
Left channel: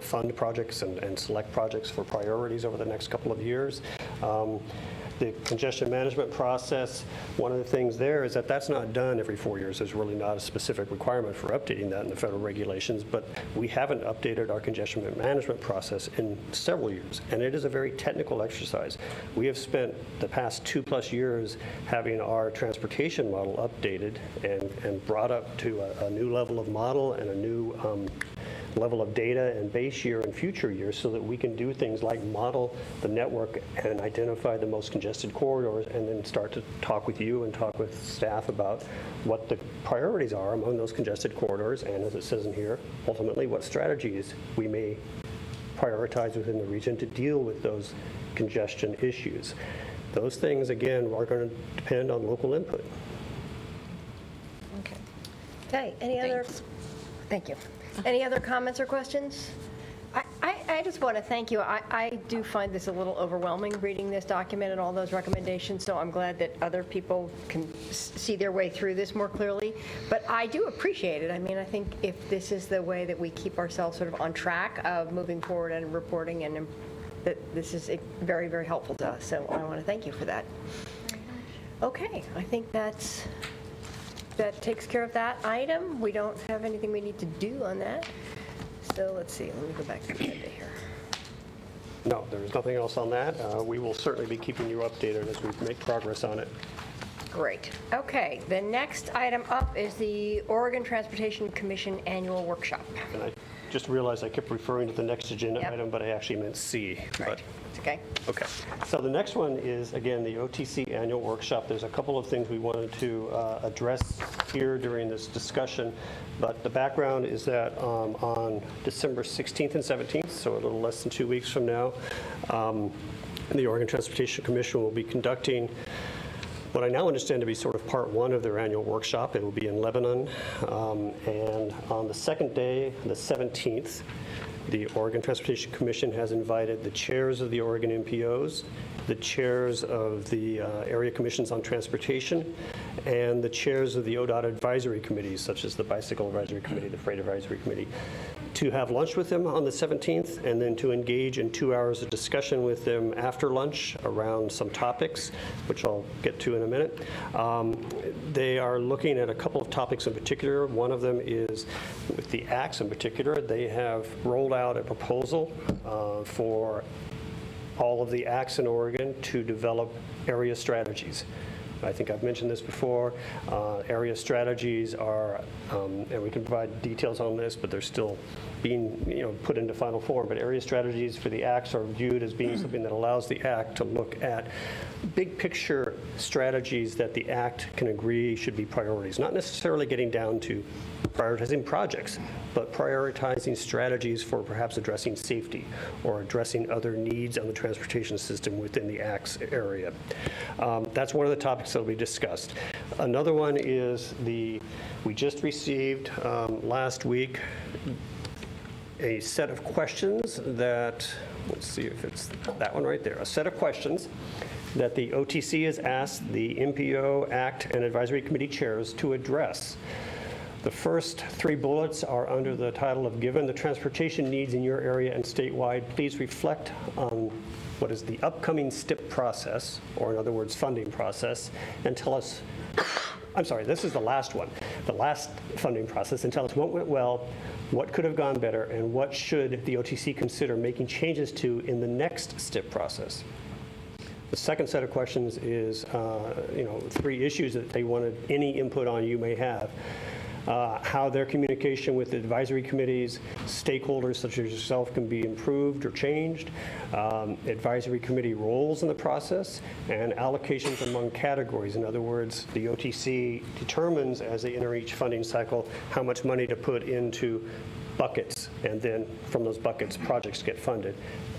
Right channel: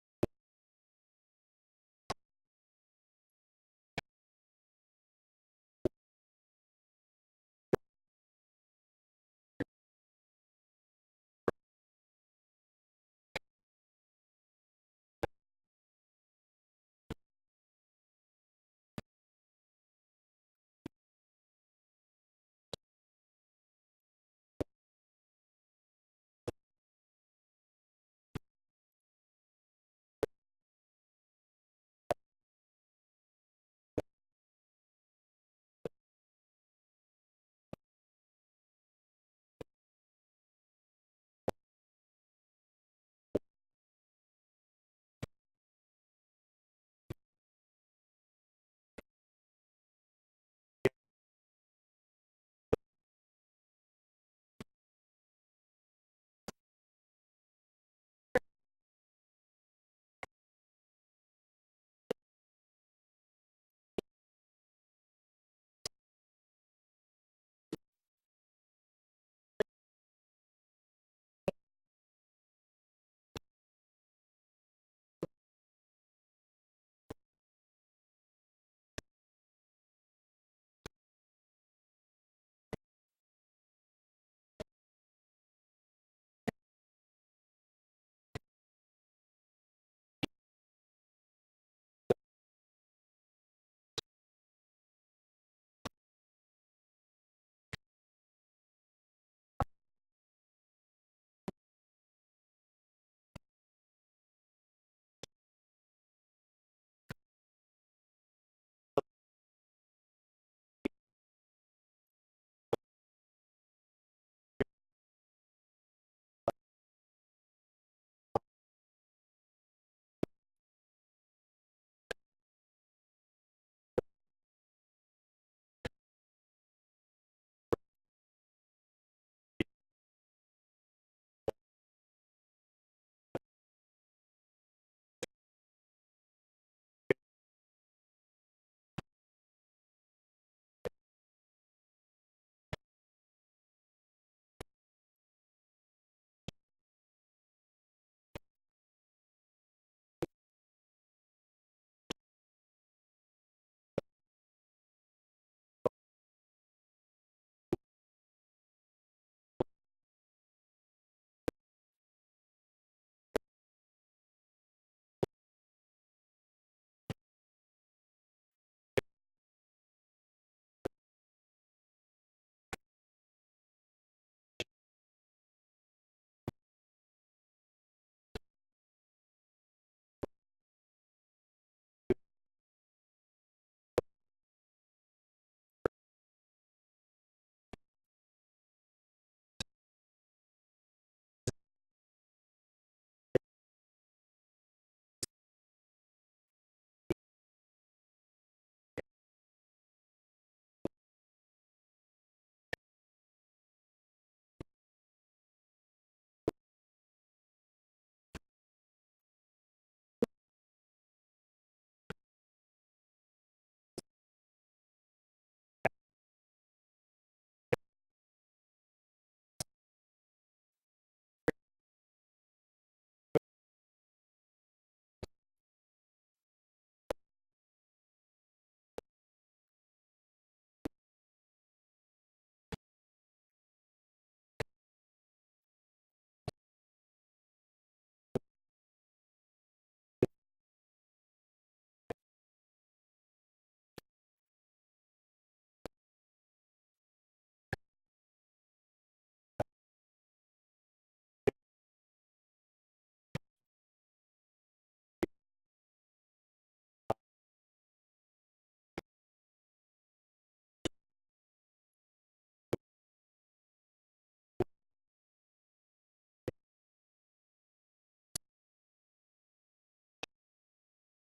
fund projects and select projects for priorities over the next couple of years. The congestion management process, one of the things there is that that's not done every 4 years. There's really not a specific requirement for updating that in the federal regulations, but we haven't updated our congestion management process in several years, and it is a very technical exercise. We have spent the past 2+ years having our transportation model updated and brought up to a new level of model and a new level of data and base year and future years so that we can do things like model the network and identify the most congested corridors and then start to talk with you and talk with staff about what the priorities are among those congested corridors and, as it says in here, ultimately what strategies we may prioritize within the region to deal with those congestion issues. Those things, again, are going to depend on local input. Okay, any other? Thank you. Any other comments or questions? I just want to thank you. I do find this a little overwhelming, reading this document and all those recommendations, so I'm glad that other people can see their way through this more clearly. But I do appreciate it. I mean, I think if this is the way that we keep ourselves sort of on track of moving forward and reporting, and that this is very, very helpful to us. So I want to thank you for that. Okay, I think that takes care of that item. We don't have anything we need to do on that. So let's see, let me go back to the agenda here. No, there's nothing else on that. We will certainly be keeping you updated as we make progress on it. Great. Okay, the next item up is the Oregon Transportation Commission Annual Workshop. And I just realized I kept referring to the next agenda item, but I actually meant C. Right. Okay. Okay. So the next one is, again, the OTC Annual Workshop. There's a couple of things we wanted to address here during this discussion, but the background is that on December 16th and 17th, so a little less than 2 weeks from now, the Oregon Transportation Commission will be conducting what I now understand to be sort of part one of their annual workshop. It will be in Lebanon. And on the second day, the 17th, the Oregon Transportation Commission has invited the chairs of the Oregon MPOs, the chairs of the area commissions on transportation, and the chairs of the ODOT advisory committees, such as the Bicycle Advisory Committee, the Freight Advisory Committee, to have lunch with them on the 17th, and then to engage in 2 hours of discussion with them after lunch around some topics, which I'll get to in a minute. They are looking at a couple of topics in particular. One of them is with the acts in particular. They have rolled out a proposal for all of the acts in Oregon to develop area strategies. I think I've mentioned this before. Area strategies are, and we can provide details on this, but they're still being put into final form. But area strategies for the acts are viewed as being something that allows the act to look at big picture strategies that the act can agree should be priorities, not necessarily getting down to prioritizing projects, but prioritizing strategies for perhaps addressing safety or addressing other needs on the transportation system within the acts area. That's one of the topics that will be discussed. Another one is we just received last week a set of questions that, let's see if it's that one right there, a set of questions that the OTC has asked the MPO, ACT, and Advisory Committee chairs to address. The first 3 bullets are under the title of, given the transportation needs in your area and statewide, please reflect on what is the upcoming STIP process, or in other words, funding process, and tell us, I'm sorry, this is the last one, the last funding process, and tell us what went well, what could have gone better, and what should the OTC consider making changes to in the next STIP process. The second set of questions is, 3 issues that they wanted any input on you may have. How their communication with the advisory committees, stakeholders such as yourself can be improved or changed, advisory committee roles in the process, and allocations among categories. In other words, the OTC determines as they enter each funding cycle how much money to put into buckets, and then from those buckets, projects get funded.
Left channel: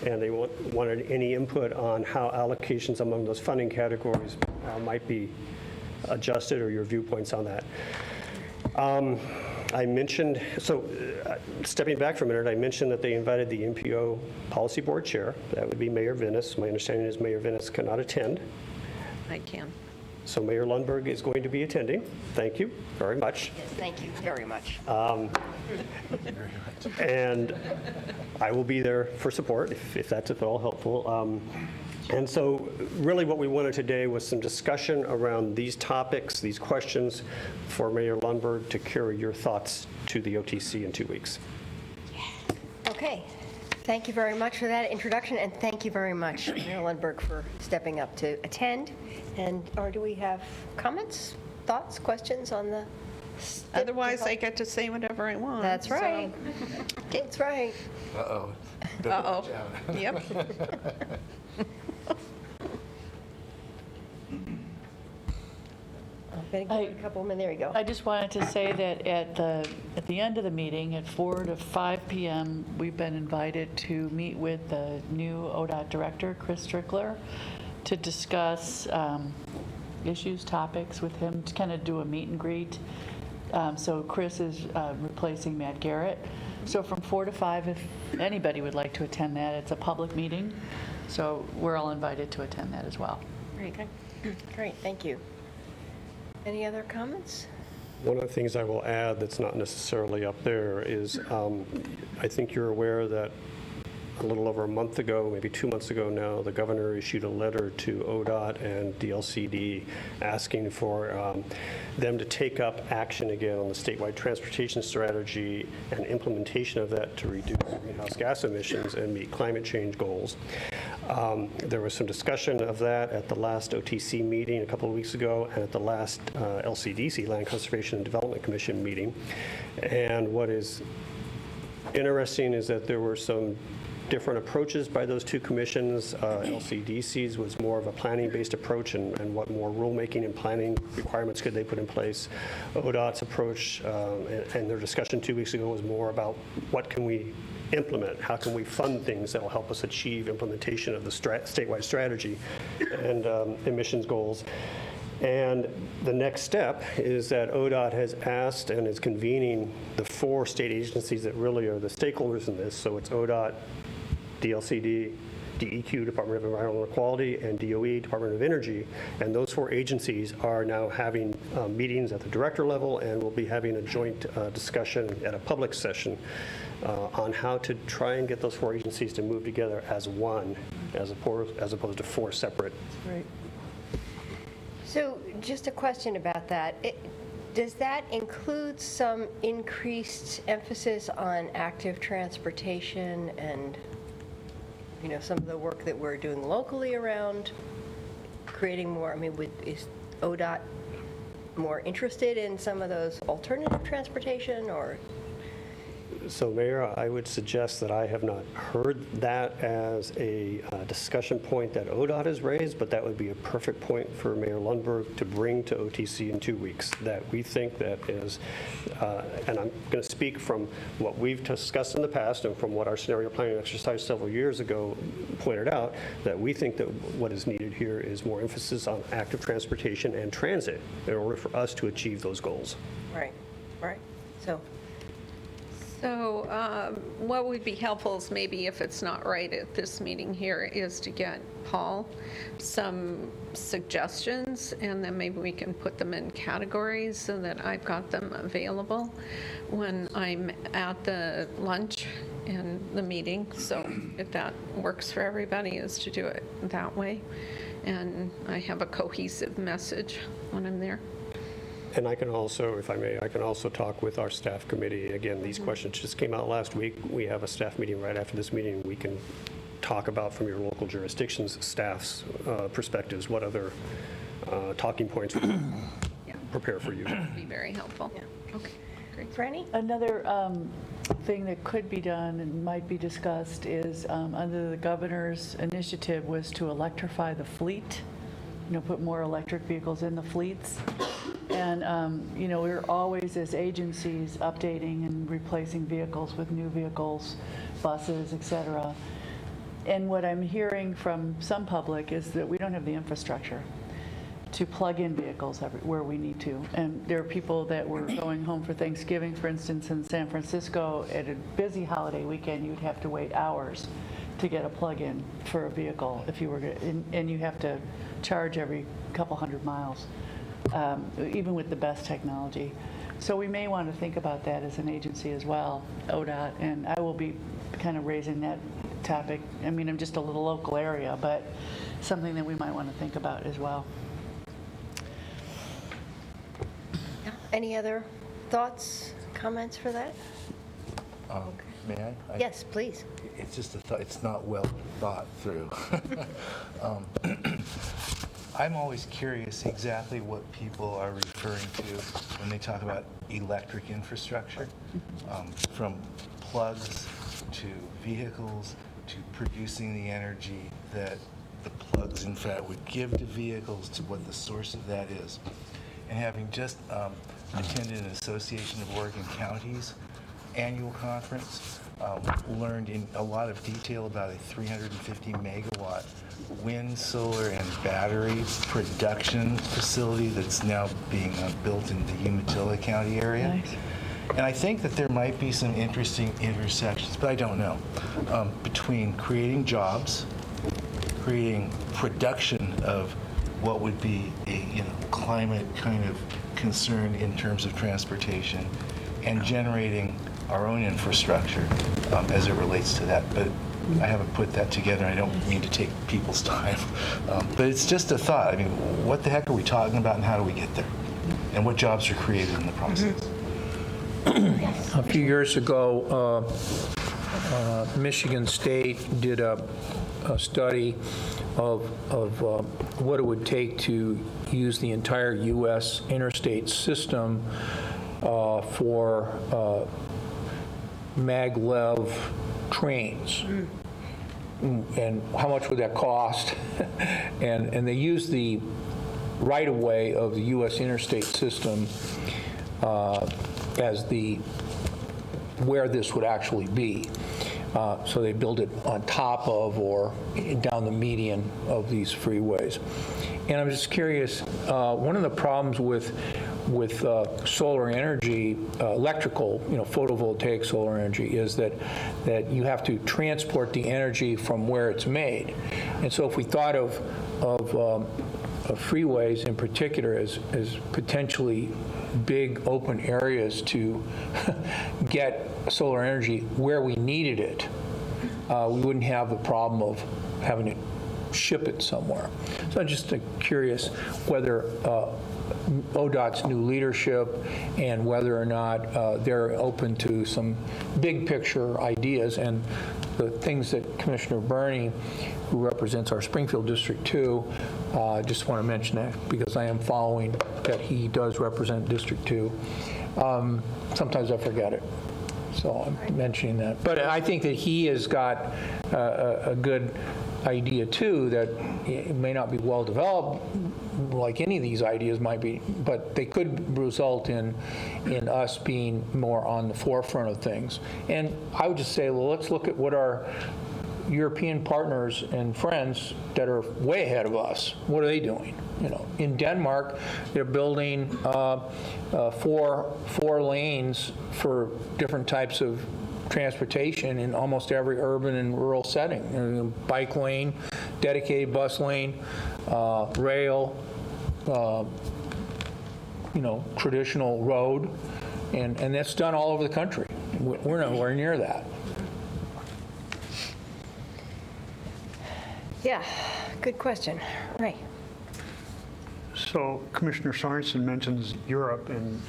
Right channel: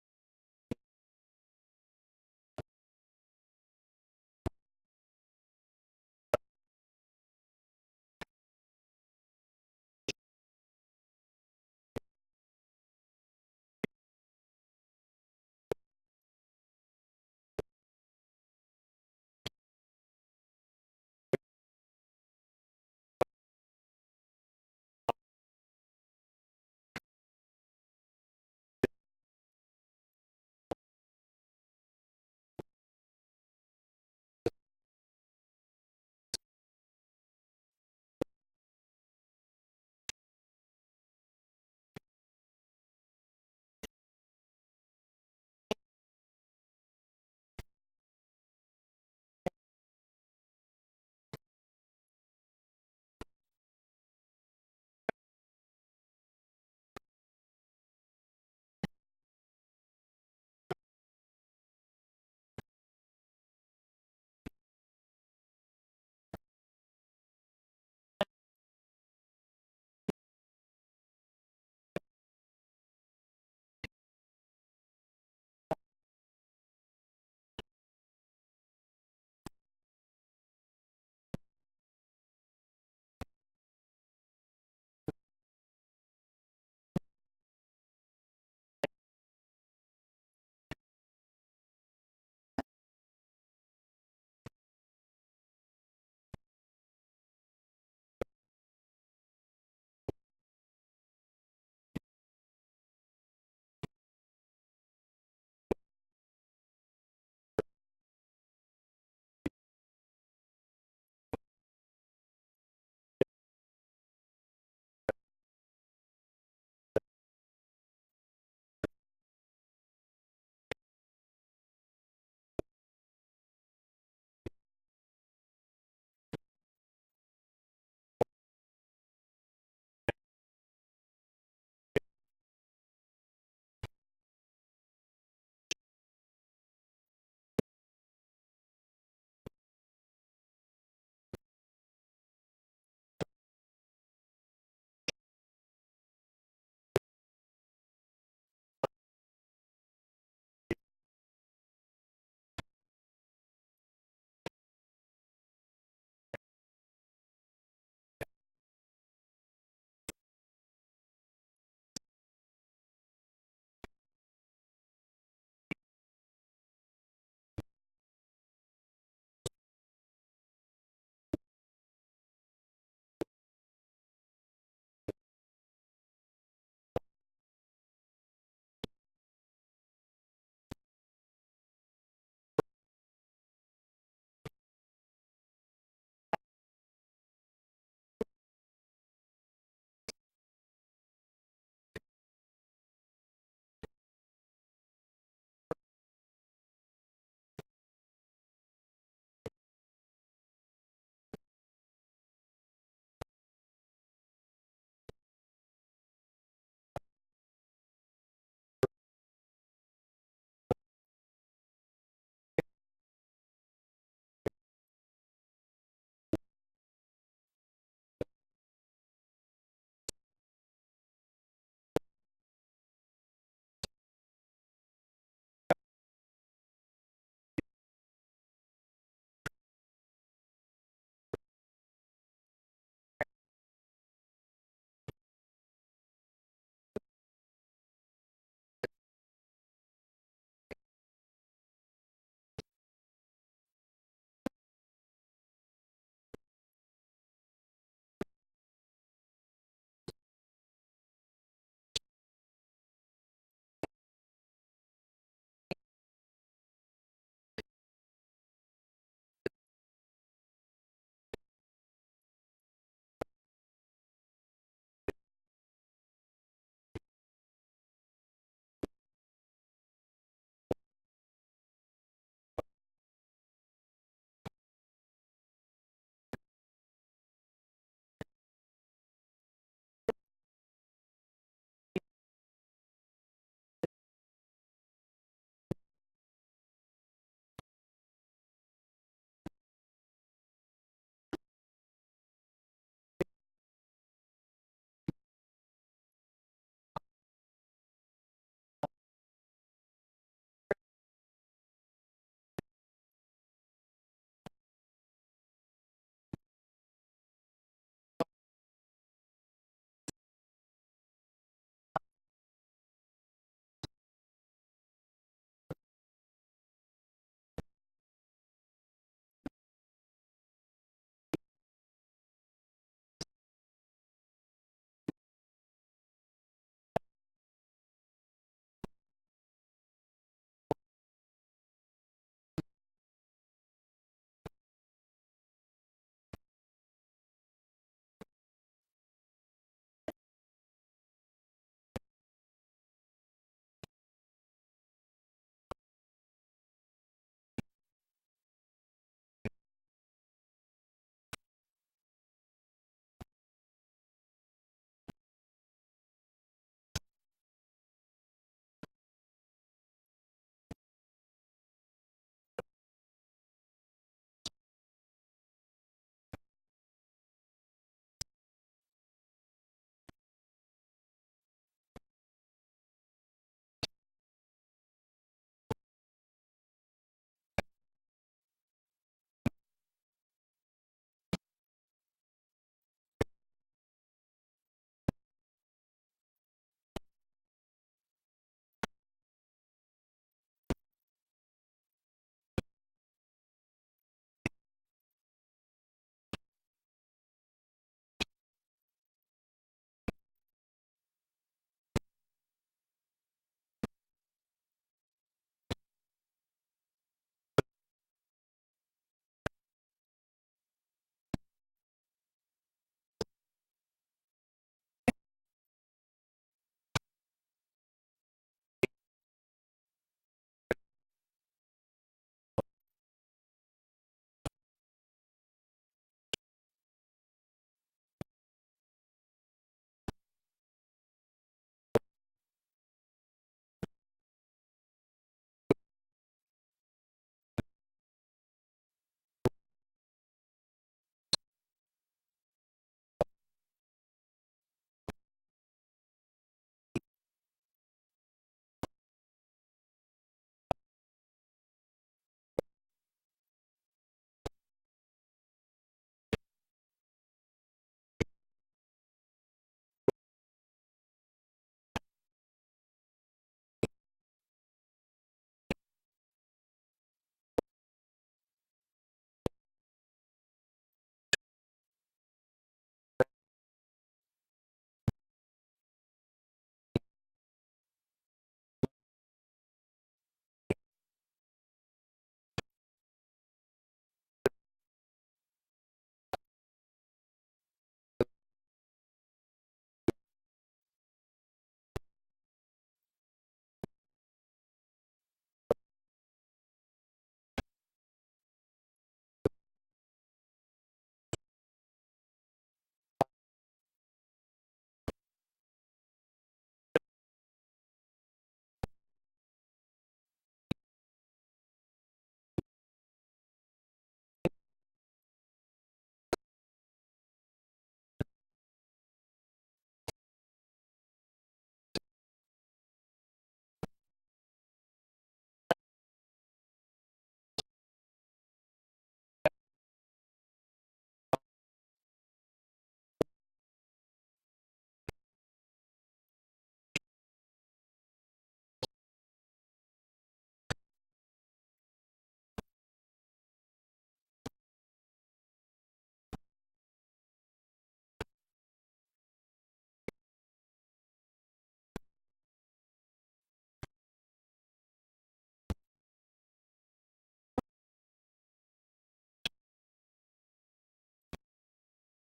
And they wanted any input on how allocations among those funding categories might be adjusted, or your viewpoints on that. I mentioned, stepping back for a minute, I mentioned that they invited the MPO Policy Board Chair. That would be Mayor Venus. My understanding is Mayor Venus cannot attend. I can. So Mayor Lundberg is going to be attending. Thank you very much. Yes, thank you very much. And I will be there for support if that's at all helpful. And so really what we wanted today was some discussion around these topics, these questions for Mayor Lundberg to carry your thoughts to the OTC in 2 weeks. Okay, thank you very much for that introduction, and thank you very much, Mayor Lundberg, for stepping up to attend. Or do we have comments, thoughts, questions on the? Otherwise, I get to say whatever I want. That's right. That's right. Uh-oh. Uh-oh. Yep. Better give it a couple of minutes. There you go. I just wanted to say that at the end of the meeting, at 4 to 5 p.m., we've been invited to meet with the new ODOT director, Chris Strickler, to discuss issues, topics with him, to kind of do a meet and greet. So Chris is replacing Matt Garrett. So from 4 to 5, if anybody would like to attend that, it's a public meeting. So we're all invited to attend that as well. Great, great, thank you. Any other comments? One of the things I will add that's not necessarily up there is I think you're aware that a little over a month ago, maybe 2 months ago now, the governor issued a letter to ODOT and DLCD asking for them to take up action again on the statewide transportation strategy and implementation of that to reduce greenhouse gas emissions and meet climate change goals. There was some discussion of that at the last OTC meeting a couple of weeks ago and at the last LCDC, Land Conservation and Development Commission meeting. And what is interesting is that there were some different approaches by those 2 commissions. LCDC's was more of a planning-based approach and what more rulemaking and planning requirements could they put in place. ODOT's approach and their discussion 2 weeks ago was more about what can we implement, how can we fund things that will help us achieve implementation of the statewide strategy and emissions goals. And the next step is that ODOT has asked and is convening the 4 state agencies that really are the stakeholders in this. So it's ODOT, DLCD, DEQ, Department of Environmental Quality, and DOE, Department of Energy. And those 4 agencies are now having meetings at the director level and will be having a joint discussion at a public session on how to try and get those 4 agencies to move together as one, as opposed to 4 separate. Right. So just a question about that. Does that include some increased emphasis on active transportation and, some of the work that we're doing locally around creating more? Is ODOT more interested in some of those alternative transportation, or? So, Mayor, I would suggest that I have not heard that as a discussion point that ODOT has raised, but that would be a perfect point for Mayor Lundberg to bring to OTC in 2 weeks, that we think that is, and I'm going to speak from what we've discussed in the past and from what our scenario planning exercise several years ago pointed out, that we think that what is needed here is more emphasis on active transportation and transit in order for us to achieve those goals. Right. So what would be helpful is maybe if it's not right at this meeting here is to get Paul some suggestions, and then maybe we can put them in categories so that I've got them available when I'm at the lunch and the meeting. So if that works for everybody, is to do it that way. And I have a cohesive message when I'm there. And I can also, if I may, I can also talk with our staff committee. Again, these questions just came out last week. We have a staff meeting right after this meeting. We can talk about from your local jurisdictions, staff's perspectives, what other talking points would prepare for you. Be very helpful. Okay, great. Franny? Another thing that could be done and might be discussed is, under the governor's initiative, was to electrify the fleet, put more electric vehicles in the fleets. And, we're always, as agencies, updating and replacing vehicles with new vehicles, buses, et cetera. And what I'm hearing from some public is that we don't have the infrastructure to plug in vehicles where we need to. And there are people that were going home for Thanksgiving, for instance, in San Francisco. At a busy holiday weekend, you'd have to wait hours to get a plug-in for a vehicle if you were to, and you have to charge every couple hundred miles, even with the best technology. So we may want to think about that as an agency as well, ODOT, and I will be kind of raising that topic. I mean, I'm just a little local area, but something that we might want to think about as well. Any other thoughts, comments for that? May I? Yes, please. It's just a thought, it's not well thought through. I'm always curious exactly what people are referring to when they talk about electric infrastructure, from plugs to vehicles to producing the energy that the plugs, in fact, would give to vehicles, to what the source of that is. And having just attended an Association of Oregon Counties annual conference, learned in a lot of detail about a 350 megawatt wind, solar, and battery production facility that's now being built in the Umatilla County area. Nice. And I think that there might be some interesting intersections, but I don't know, between creating jobs, creating production of what would be a climate kind of concern in terms of transportation, and generating our own infrastructure as it relates to that. But I haven't put that together. I don't mean to take people's time. But it's just a thought. I mean, what the heck are we talking about, and how do we get there? And what jobs are created in the process? A few years ago, Michigan State did a study of what it would take to use the entire U.S. interstate system for maglev trains. And how much would that cost? and they used the right-of-way of the U.S. interstate system as where this would actually be. So they build it on top of or down the median of these freeways. And I'm just curious, one of the problems with solar energy, electrical, photovoltaic solar energy, is that you have to transport the energy from where it's made. And so if we thought of freeways in particular as potentially big open areas to get solar energy where we needed it, we wouldn't have the problem of having to ship it somewhere. So I'm just curious whether ODOT's new leadership and whether or not they're open to some big picture ideas, and the things that Commissioner Burney, who represents our Springfield District 2, just want to mention that because I am following that he does represent District 2. Sometimes I forget it, so I'm mentioning that. But I think that he has got a good idea too, that it may not be well developed like any of these ideas might be, but they could result in us being more on the forefront of things. And I would just say, well, let's look at what our European partners and friends that are way ahead of us, what are they doing? In Denmark, they're building 4 lanes for different types of transportation in almost every urban and rural setting. Bike lane, dedicated bus lane, rail, traditional road, and that's done all over the country. We're nowhere near that. Yeah, good question. Ray. So Commissioner Sorensen mentions Europe, and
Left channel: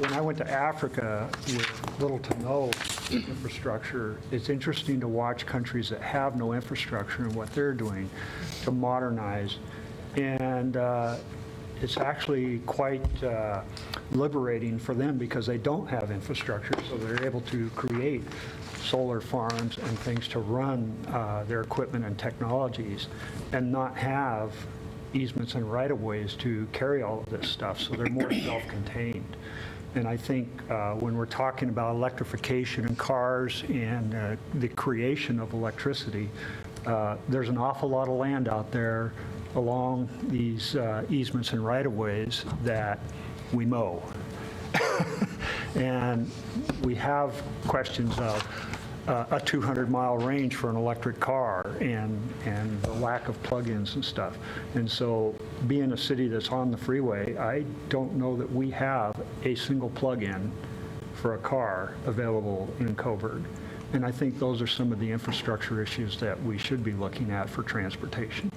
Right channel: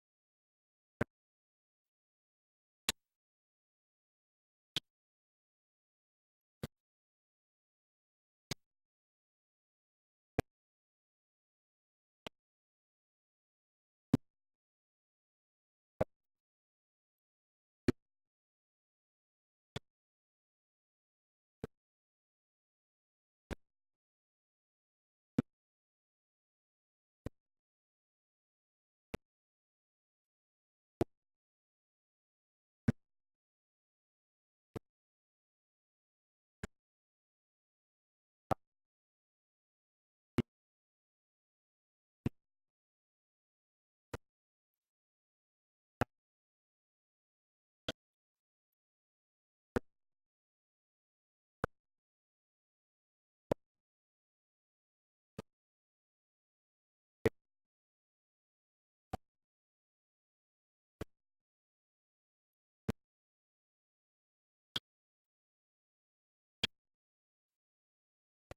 when I went to Africa with little to no infrastructure, it's interesting to watch countries that have no infrastructure and what they're doing to modernize. And it's actually quite liberating for them because they don't have infrastructure, so they're able to create solar farms and things to run their equipment and technologies and not have easements and right-of-ways to carry all of this stuff, so they're more self-contained. And I think when we're talking about electrification in cars and the creation of electricity, there's an awful lot of land out there along these easements and right-of-ways that we mow. And we have questions of a 200-mile range for an electric car and the lack of plug-ins and stuff. And so being a city that's on the freeway, I don't know that we have a single plug-in for a car available in Coburg. And I think those are some of the infrastructure issues that we should be looking at for transportation.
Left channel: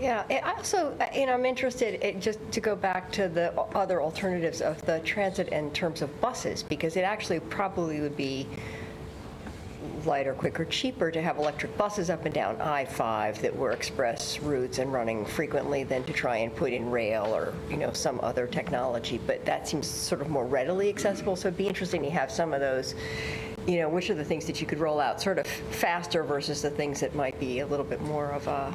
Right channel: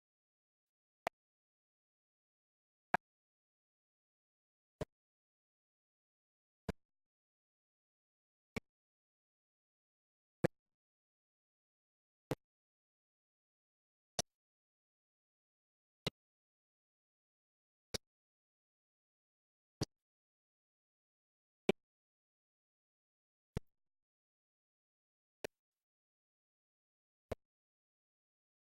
Yeah, I also, I'm interested, just to go back to the other alternatives of the transit in terms of buses, because it actually probably would be lighter, quicker, cheaper to have electric buses up and down I-5 that were express routes and running frequently than to try and put in rail or, some other technology. But that seems sort of more readily accessible, so it'd be interesting to have some of those, which are the things that you could roll out sort of faster versus the things that might be a little bit more of a,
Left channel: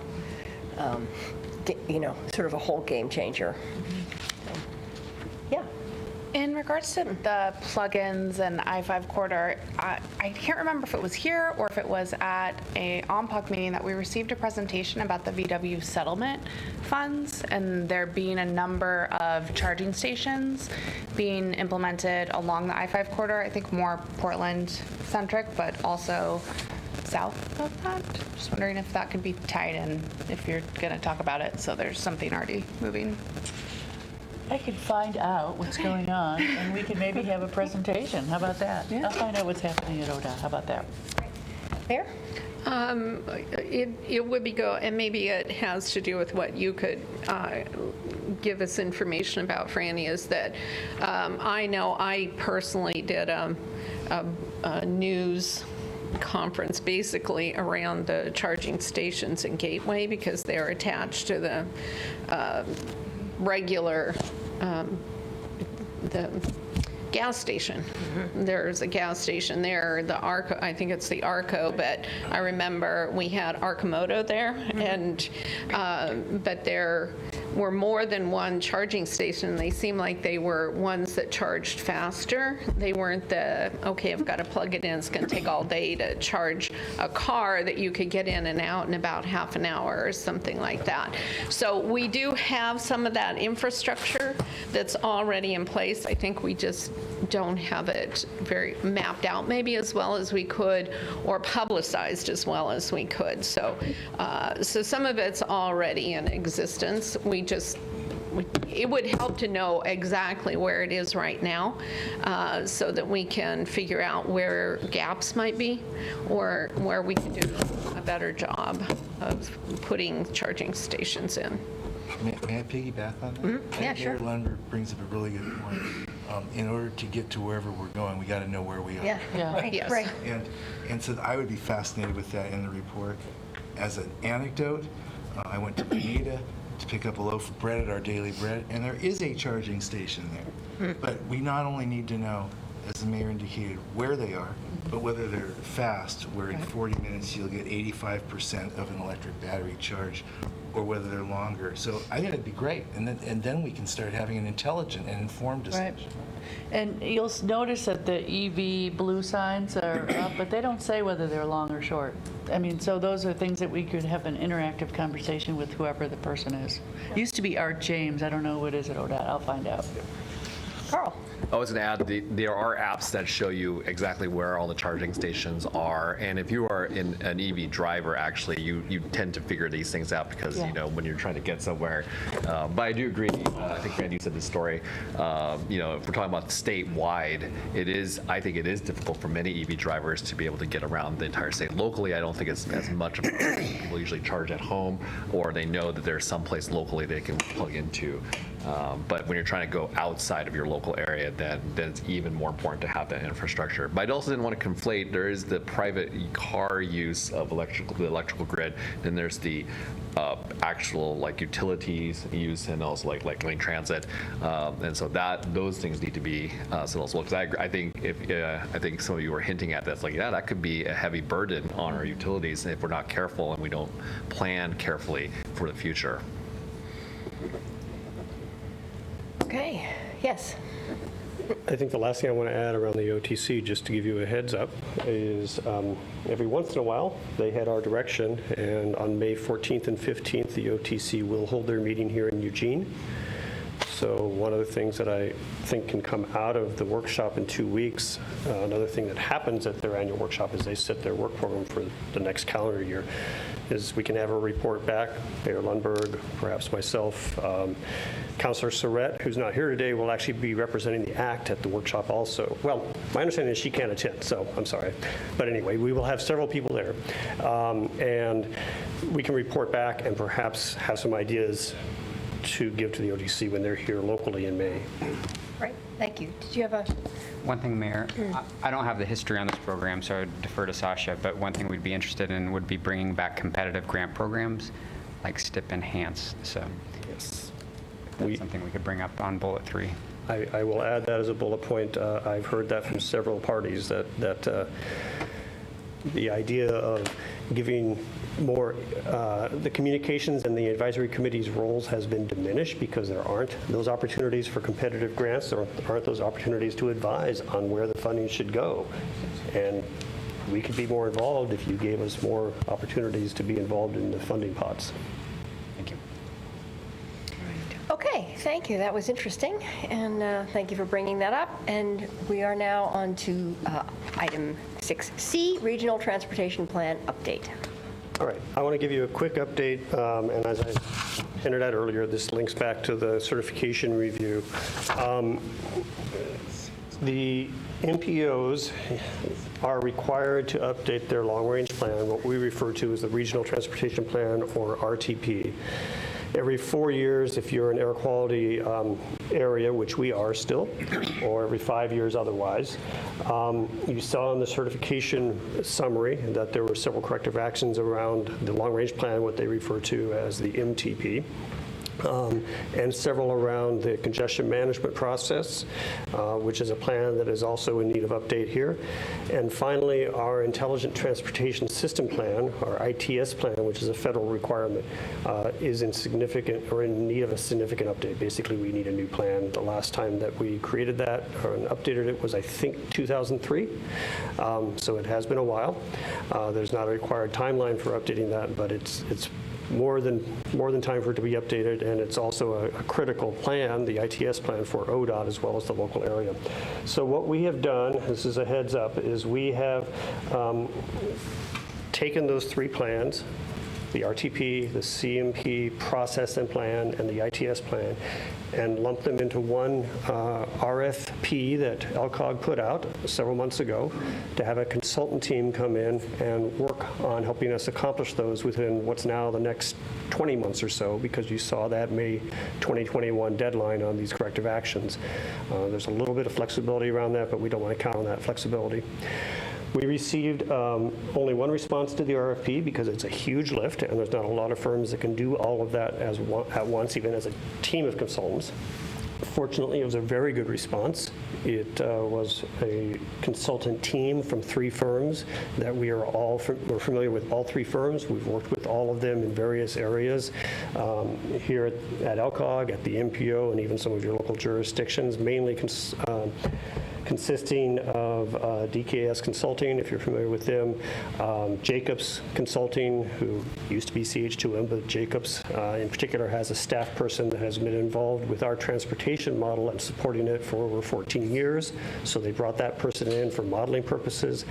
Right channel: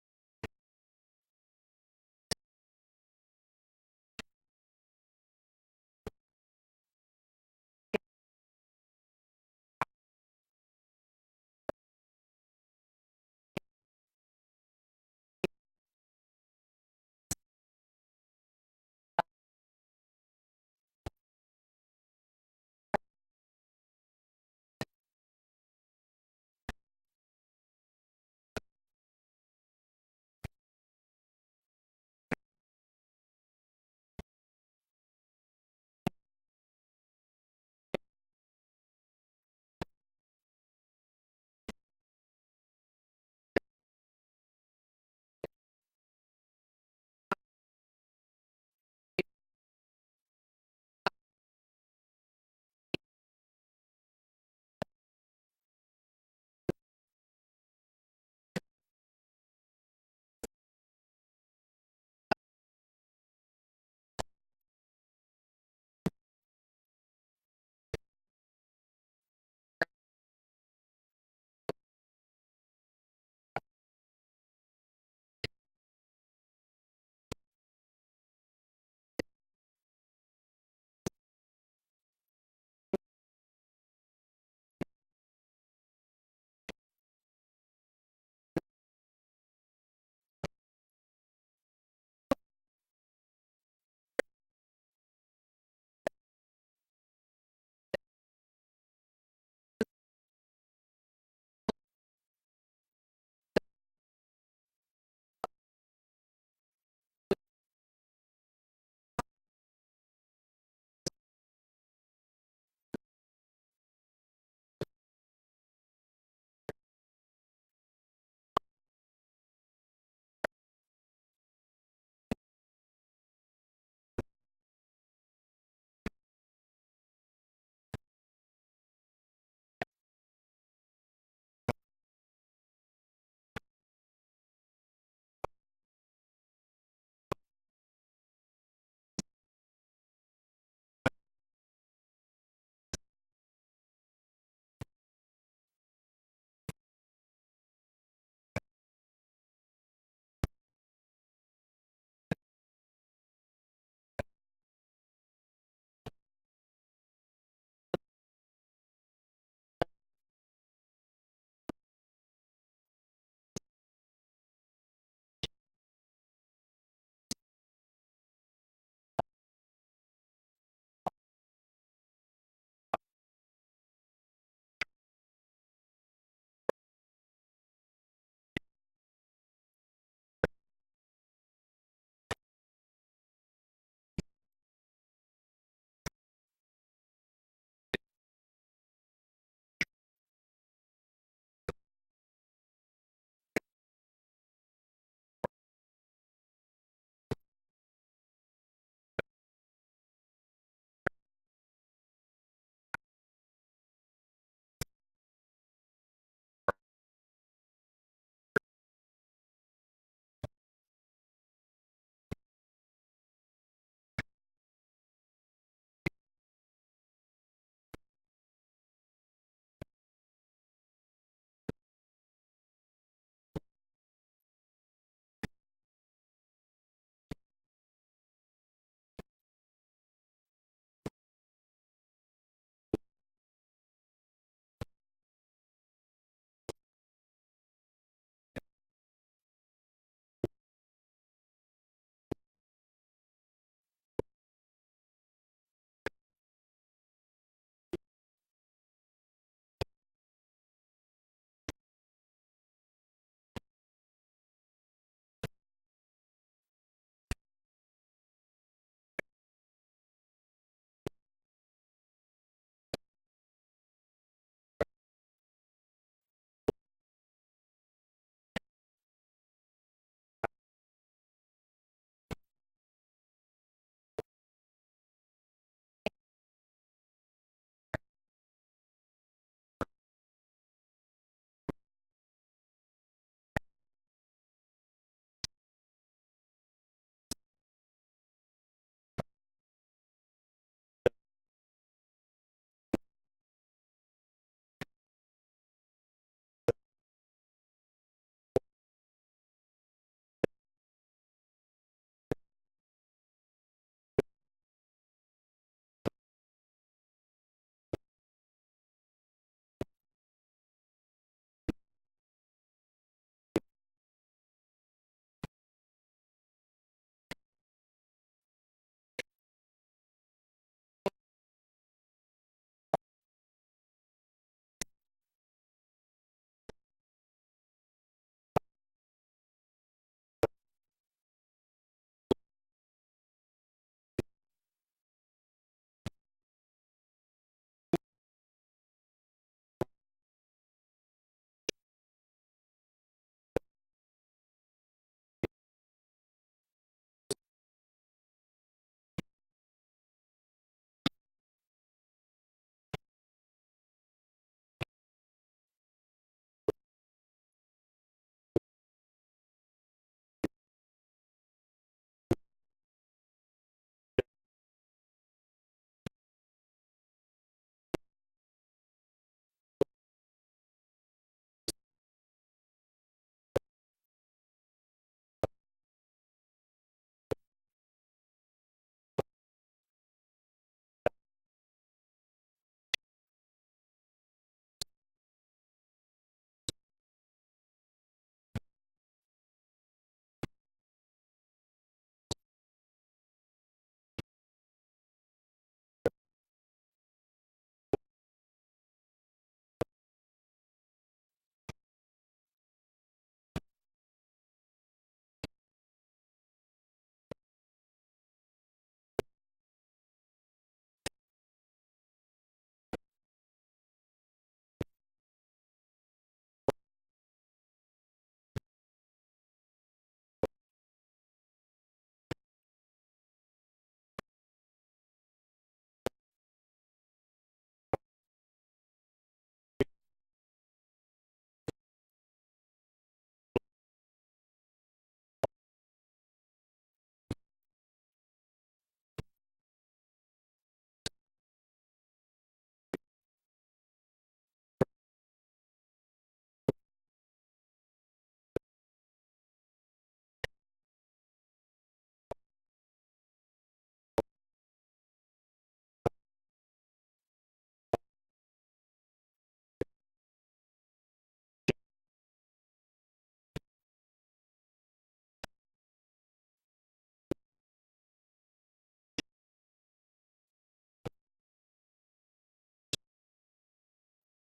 sort of a whole game changer. Yeah. In regards to the plugins and I-5 corridor, I can't remember if it was here or if it was at a OMPUC meeting that we received a presentation about the VW settlement funds and there being a number of charging stations being implemented along the I-5 corridor. I think more Portland-centric, but also south of that. Just wondering if that could be tied in if you're going to talk about it, so there's something already moving. I could find out what's going on, and we could maybe have a presentation. How about that? Yeah. I'll find out what's happening at ODOT. How about that? Mayor? It would be and maybe it has to do with what you could give us information about, Franny, is that I know I personally did a news conference basically around the charging stations in Gateway because they're attached to the regular the gas station. There's a gas station there, the Arco, I think it's the Arco, but I remember we had Arcomoto there, and but there were more than one charging station. They seemed like they were ones that charged faster. They weren't the, okay, I've got to plug it in, it's going to take all day to charge a car that you could get in and out in about half an hour or something like that. So we do have some of that infrastructure that's already in place. I think we just don't have it very mapped out maybe as well as we could or publicized as well as we could. So so some of it's already in existence. It would help to know exactly where it is right now so that we can figure out where gaps might be or where we can do a better job of putting charging stations in. May I piggyback on that? Mm-hmm. Yeah, sure. Mayor Lundberg brings up a really good point. In order to get to wherever we're going, we got to know where we are. Yeah. Right. Yes. Right. And so I would be fascinated with that in the report. As an anecdote, I went to Bonita to pick up a loaf of bread at our Daily Bread, and there is a charging station there. But we not only need to know, as the mayor indicated, where they are, but whether they're fast, where in 40 minutes you'll get 85% of an electric battery charge, or whether they're longer. So I think it'd be great, and then we can start having an intelligent and informed decision. Right. And you'll notice that the EV blue signs are up, but they don't say whether they're long or short. I mean, so those are things that we could have an interactive conversation with whoever the person is. Used to be Art James. I don't know what is at ODOT. I'll find out. Carl? I was going to add, there are apps that show you exactly where all the charging stations are. And if you are an EV driver, actually, you tend to figure these things out because, when you're trying to get somewhere. But I do agree. I think, Randy, you said this story. If we're talking about statewide, I think it is difficult for many EV drivers to be able to get around the entire state. Locally, I don't think it's as much of a people usually charge at home, or they know that there's some place locally they can plug into. But when you're trying to go outside of your local area, then it's even more important to have that infrastructure. But I also didn't want to conflate, there is the private car use of the electrical grid, and there's the actual like utilities use, and also like lane transit, and so those things need to be settled as well. Because I think some of you were hinting at that's like, yeah, that could be a heavy burden on our utilities if we're not careful and we don't plan carefully for the future. Okay, yes. I think the last thing I want to add around the OTC, just to give you a heads up, is every once in a while, they head our direction, and on May 14th and 15th, the OTC will hold their meeting here in Eugene. So one of the things that I think can come out of the workshop in 2 weeks, another thing that happens at their annual workshop is they set their work program for the next calendar year, is we can have a report back, Mayor Lundberg, perhaps myself, Councilor Surratt, who's not here today, will actually be representing the ACT at the workshop also. Well, my understanding is she can't attend, so I'm sorry. But anyway, we will have several people there. And we can report back and perhaps have some ideas to give to the ODC when they're here locally in May. Right, thank you. Did you have a? One thing, Mayor, I don't have the history on this program, so I would defer to Sasha, but one thing we'd be interested in would be bringing back competitive grant programs like STIP Enhance. So Yes. that's something we could bring up on bullet 3. I will add that as a bullet point. I've heard that from several parties, that the idea of giving more, the communications and the advisory committee's roles has been diminished because there aren't those opportunities for competitive grants, or aren't those opportunities to advise on where the funding should go. And we could be more involved if you gave us more opportunities to be involved in the funding pots. Thank you. Okay, thank you. That was interesting, and thank you for bringing that up. And we are now on to item 6C, Regional Transportation Plan Update. All right, I want to give you a quick update, and as I hinted at earlier, this links back to the certification review. The MPOs are required to update their long-range plan, what we refer to as the Regional Transportation Plan, or RTP. Every 4 years, if you're an air quality area, which we are still, or every 5 years otherwise. You saw in the certification summary that there were several corrective actions around the long-range plan, what they refer to as the MTP. And several around the congestion management process, which is a plan that is also in need of update here. And finally, our Intelligent Transportation System Plan, our ITS plan, which is a federal requirement, is in need of a significant update. Basically, we need a new plan. The last time that we created that or updated it was, I think, 2003. So it has been a while. There's not a required timeline for updating that, but it's more than time for it to be updated, and it's also a critical plan, the ITS plan for ODOT as well as the local area. So what we have done, this is a heads up, is we have taken those 3 plans, the RTP, the CMP process and plan, and the ITS plan, and lumped them into one RFP that LCOG put out several months ago to have a consultant team come in and work on helping us accomplish those within what's now the next 20 months or so, because you saw that May 2021 deadline on these corrective actions. There's a little bit of flexibility around that, but we don't want to count on that flexibility. We received only one response to the RFP because it's a huge lift, and there's not a lot of firms that can do all of that at once, even as a team of consultants. Fortunately, it was a very good response. It was a consultant team from 3 firms that we're familiar with all 3 firms. We've worked with all of them in various areas here at LCOG, at the MPO, and even some of your local jurisdictions, mainly consisting of DKS Consulting, if you're familiar with them, Jacobs Consulting, who used to be CH2M, but Jacobs in particular has a staff person that has been involved with our transportation model and supporting it for over 14 years. So they brought that person in for modeling purposes.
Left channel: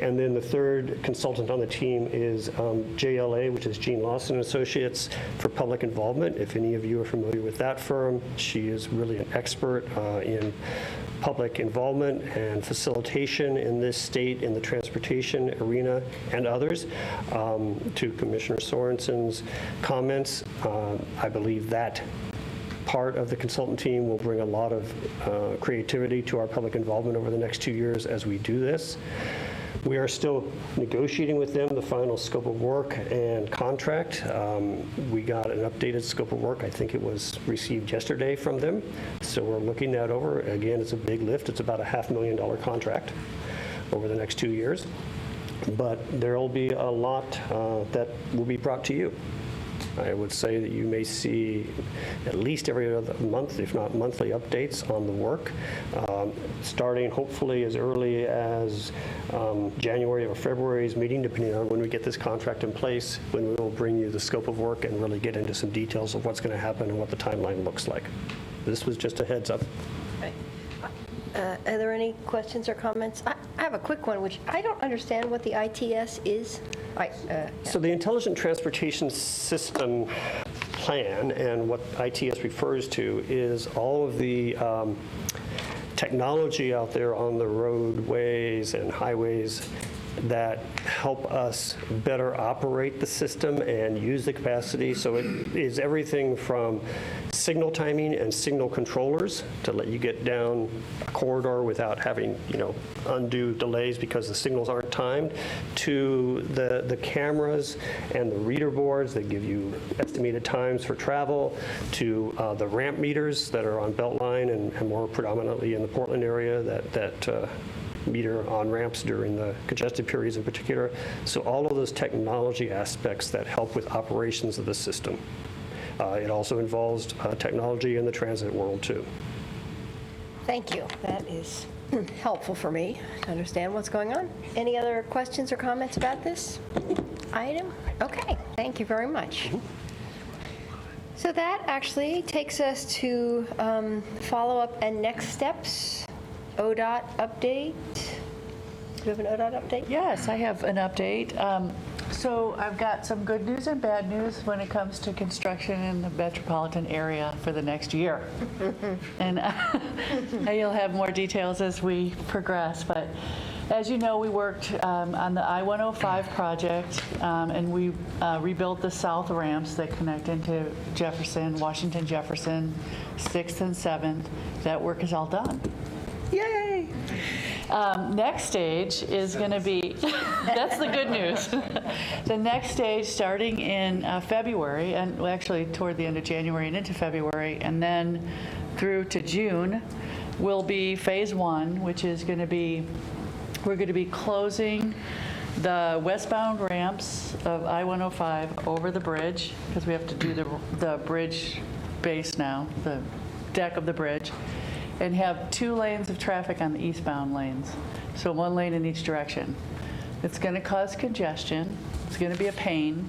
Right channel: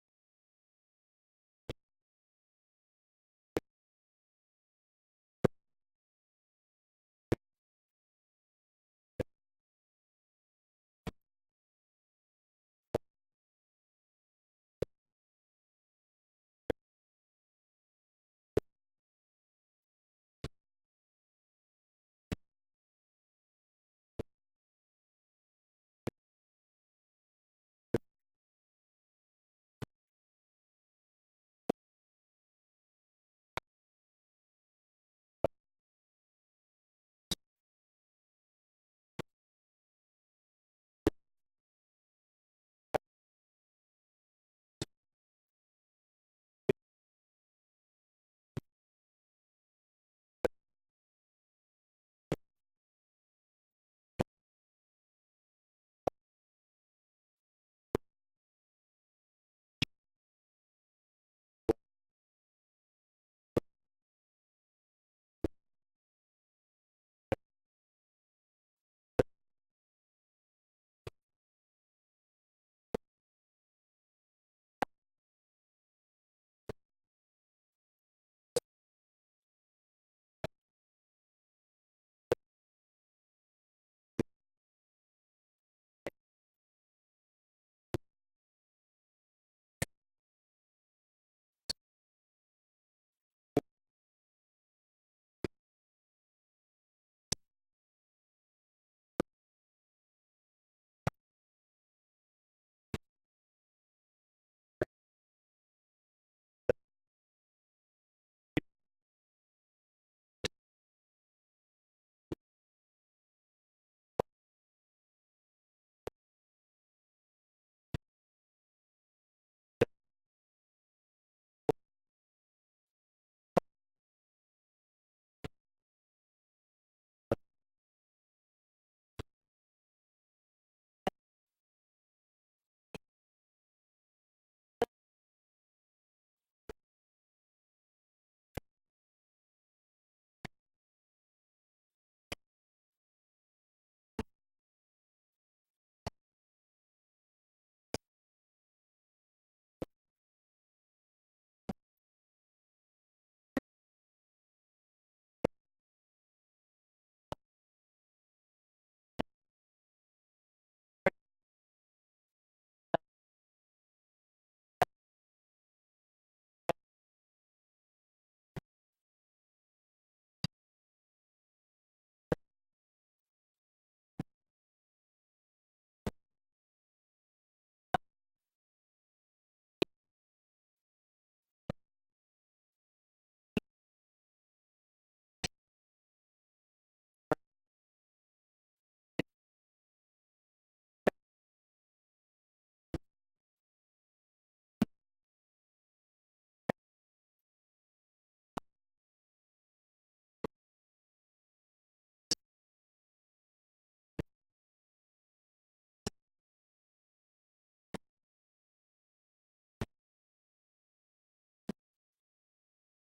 And then the third consultant on the team is JLA, which is Gene Lawson Associates, for public involvement. If any of you are familiar with that firm, she is really an expert in public involvement and facilitation in this state in the transportation arena and others. To Commissioner Sorensen's comments, I believe that part of the consultant team will bring a lot of creativity to our public involvement over the next 2 years as we do this. We are still negotiating with them the final scope of work and contract. We got an updated scope of work. I think it was received yesterday from them. So we're looking that over. Again, it's a big lift. It's about a $500,000 contract over the next 2 years. But there will be a lot that will be brought to you. I would say that you may see at least every other month, if not monthly, updates on the work, starting hopefully as early as January or February's meeting, depending on when we get this contract in place, when we will bring you the scope of work and really get into some details of what's going to happen and what the timeline looks like. This was just a heads up. Are there any questions or comments? I have a quick one, which I don't understand what the ITS is. So the Intelligent Transportation System Plan, and what ITS refers to, is all of the technology out there on the roadways and highways that help us better operate the system and use the capacity. So it is everything from signal timing and signal controllers to let you get down a corridor without having, undue delays because the signals aren't timed, to the cameras and the reader boards that give you estimated times for travel, to the ramp meters that are on Beltline and more predominantly in the Portland area that meter on ramps during the congested periods in particular. So all of those technology aspects that help with operations of the system. It also involves technology in the transit world too. Thank you. That is helpful for me to understand what's going on. Any other questions or comments about this item? Okay, thank you very much. So that actually takes us to follow-up and next steps. ODOT update. Do you have an ODOT update? Yes, I have an update. So I've got some good news and bad news when it comes to construction in the metropolitan area for the next year. And you'll have more details as we progress. But as you know, we worked on the I-105 project, and we rebuilt the south ramps that connect into Jefferson, Washington Jefferson, 6th and 7th. That work is all done. Yay! Next stage is going to be, that's the good news. The next stage starting in February, and actually toward the end of January and into February, and then through to June, will be phase 1, which is going to be, we're going to be closing the westbound ramps of I-105 over the bridge, because we have to do the bridge base now, the deck of the bridge, and have 2 lanes of traffic on the eastbound lanes. So 1 lane in each direction. It's going to cause congestion. It's going to be a pain.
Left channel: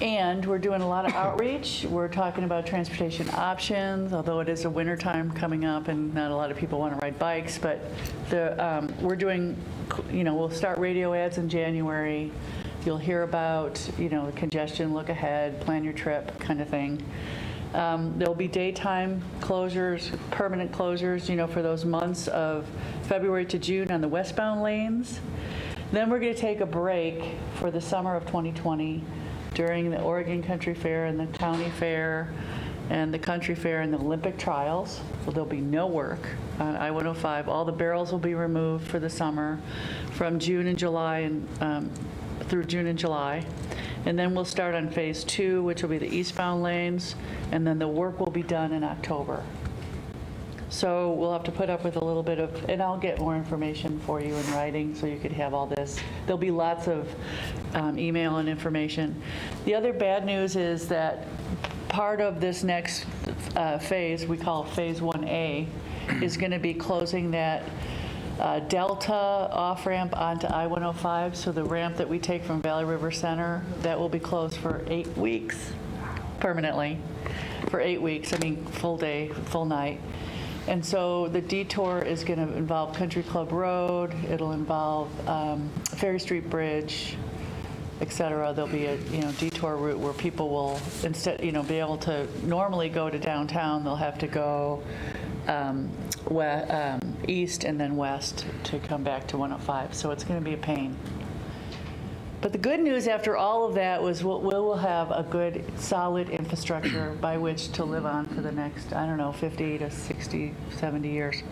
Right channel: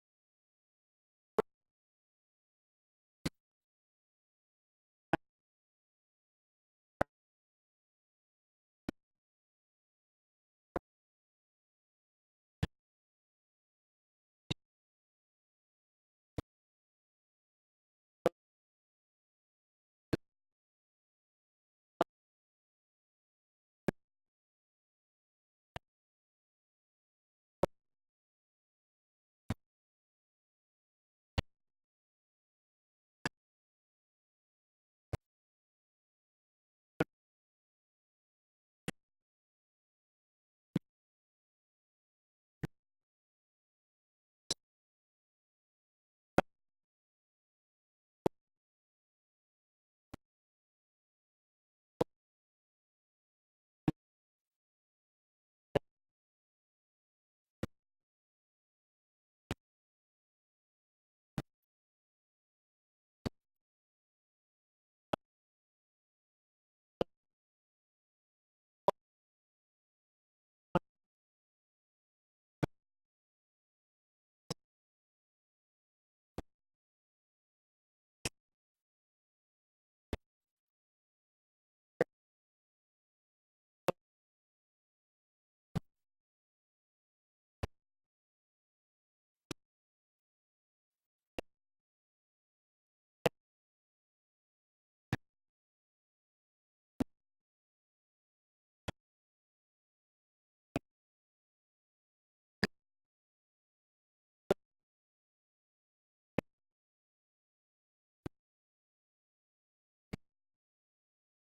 And we're doing a lot of outreach. We're talking about transportation options, although it is a winter time coming up and not a lot of people want to ride bikes. But we're doing, we'll start radio ads in January. You'll hear about, congestion, look ahead, plan your trip kind of thing. There'll be daytime closures, permanent closures, for those months of February to June on the westbound lanes. Then we're going to take a break for the summer of 2020 during the Oregon Country Fair and the County Fair and the Country Fair and the Olympic Trials. So there'll be no work on I-105. All the barrels will be removed for the summer from June and July and through June and July. And then we'll start on phase 2, which will be the eastbound lanes, and then the work will be done in October. So we'll have to put up with a little bit of, and I'll get more information for you in writing so you could have all this. There'll be lots of email and information. The other bad news is that part of this next phase, we call phase 1A, is going to be closing that Delta off-ramp onto I-105, so the ramp that we take from Valley River Center, that will be closed for 8 weeks, permanently, for 8 weeks, full day, full night. And so the detour is going to involve Country Club Road, it'll involve Ferry Street Bridge, et cetera. There'll be a detour route where people will, instead, be able to normally go to downtown, they'll have to go east and then west to come back to 105. So it's going to be a pain. But the good news after all of that was we'll have a good, solid infrastructure by which to live on for the next, I don't know, 50 to 60, 70 years.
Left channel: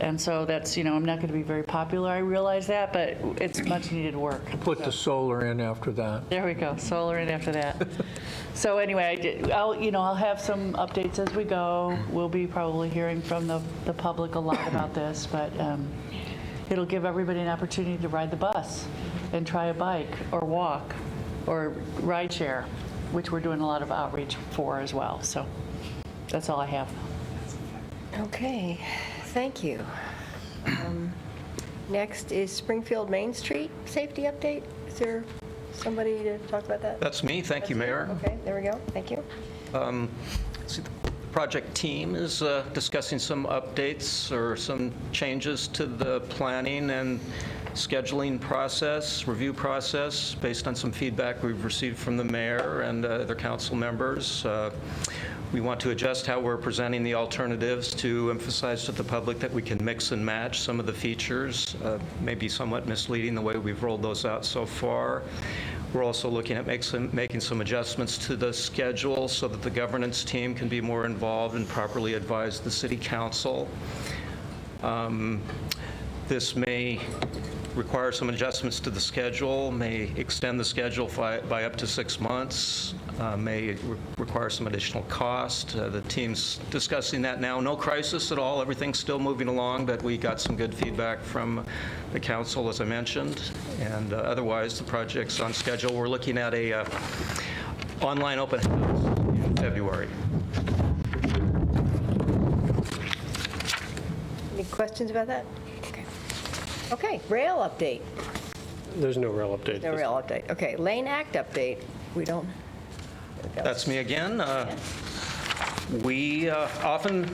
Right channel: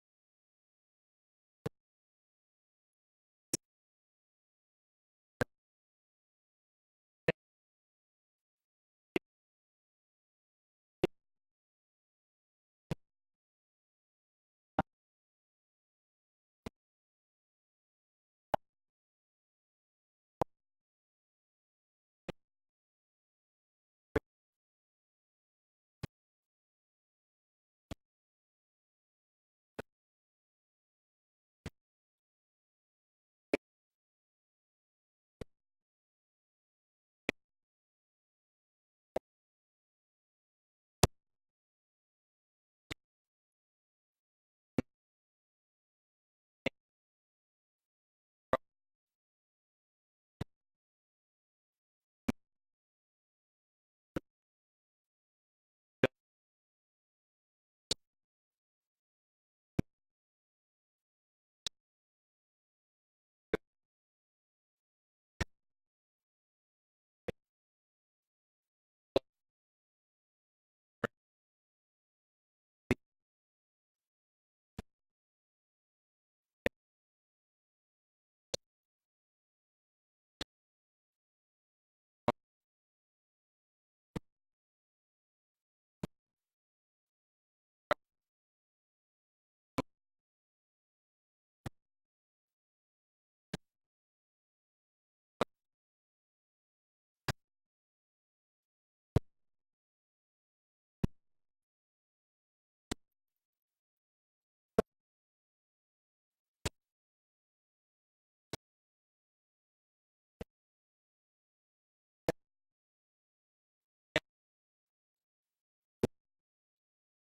And so that's, I'm not going to be very popular, I realize that, but it's much needed work. Put the solar in after that. There we go, solar in after that. So anyway, I'll have some updates as we go. We'll be probably hearing from the public a lot about this, but it'll give everybody an opportunity to ride the bus and try a bike or walk or ride share, which we're doing a lot of outreach for as well. So that's all I have. Okay, thank you. Next is Springfield Main Street safety update. Is there somebody to talk about that? That's me. Thank you, Mayor. Okay, there we go. Thank you. See, the project team is discussing some updates or some changes to the planning and scheduling process, review process, based on some feedback we've received from the mayor and other council members. We want to adjust how we're presenting the alternatives to emphasize to the public that we can mix and match some of the features. Maybe somewhat misleading the way we've rolled those out so far. We're also looking at making some adjustments to the schedule so that the governance team can be more involved and properly advise the city council. This may require some adjustments to the schedule, may extend the schedule by up to 6 months, may require some additional cost. The team's discussing that now. No crisis at all. Everything's still moving along, but we got some good feedback from the council, as I mentioned. And otherwise, the project's on schedule. We're looking at a online open house in February. Any questions about that? Okay, rail update. There's no rail update. No rail update. Okay, Lane Act update. We don't. That's me again. We often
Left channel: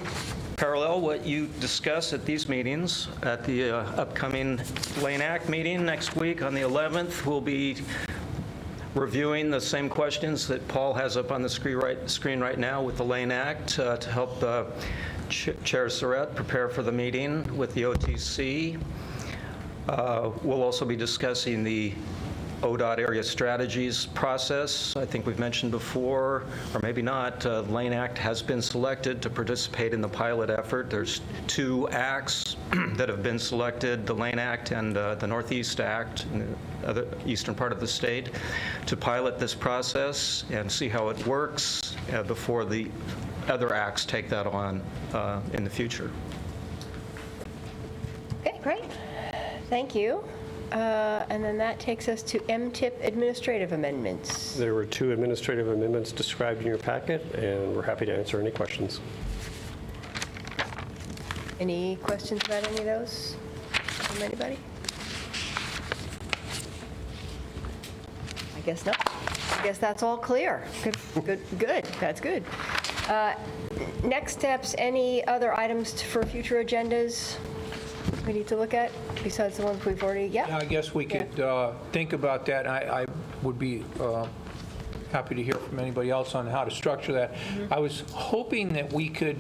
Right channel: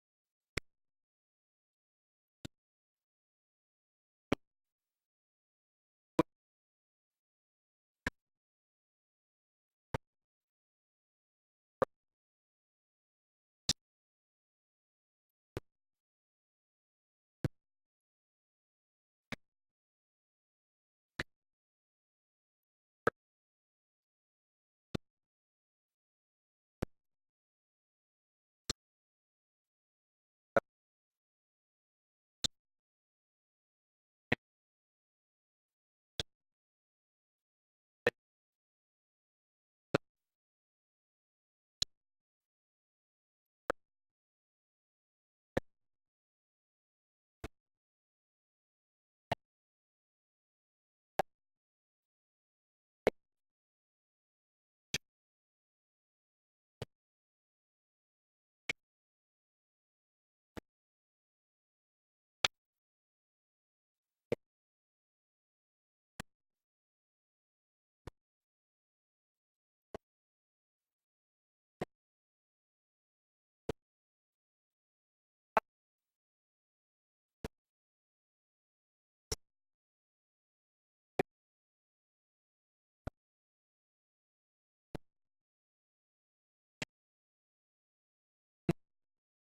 parallel what you discuss at these meetings. At the upcoming Lane Act meeting next week on the 11th, we'll be reviewing the same questions that Paul has up on the screen right now with the Lane Act to help Chair Surratt prepare for the meeting with the OTC. We'll also be discussing the ODOT area strategies process. I think we've mentioned before, or maybe not, Lane Act has been selected to participate in the pilot effort. There's 2 acts that have been selected, the Lane Act and the Northeast Act in the other eastern part of the state, to pilot this process and see how it works before the other acts take that on in the future. Okay, great. Thank you. And then that takes us to MTIP administrative amendments. There were 2 administrative amendments described in your packet, and we're happy to answer any questions. Any questions about any of those from anybody? I guess not. I guess that's all clear. Good. That's good. Next steps, any other items for future agendas we need to look at besides the ones we've already, Yeah, I guess we could think about that. I would be happy to hear from anybody else on how to structure that. I was hoping that we could,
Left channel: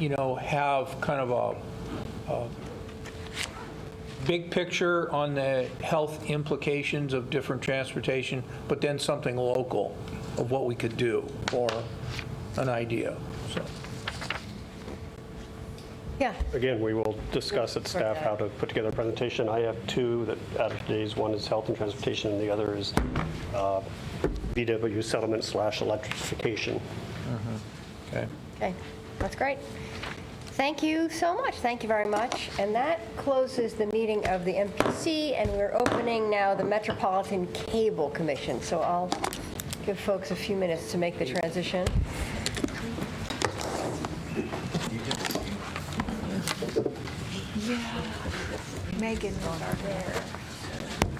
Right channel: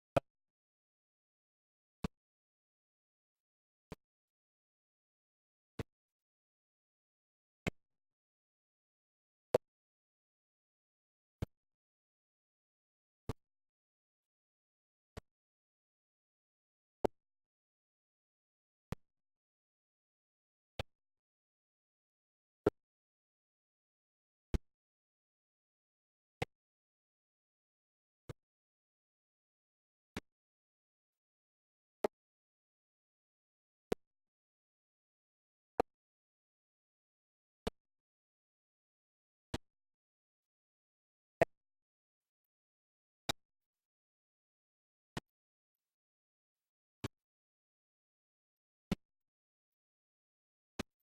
have kind of a big picture on the health implications of different transportation, but then something local of what we could do or an idea. So. Yeah. Again, we will discuss at staff how to put together a presentation. I have 2 that out of today's. One is health and transportation, and the other is VW settlement / electrification. Okay. Okay, that's great. Thank you so much. Thank you very much. And that closes the meeting of the MPC, and we're opening now the Metropolitan Cable Commission. So I'll give folks a few minutes to make the transition. Yeah, Megan was our there.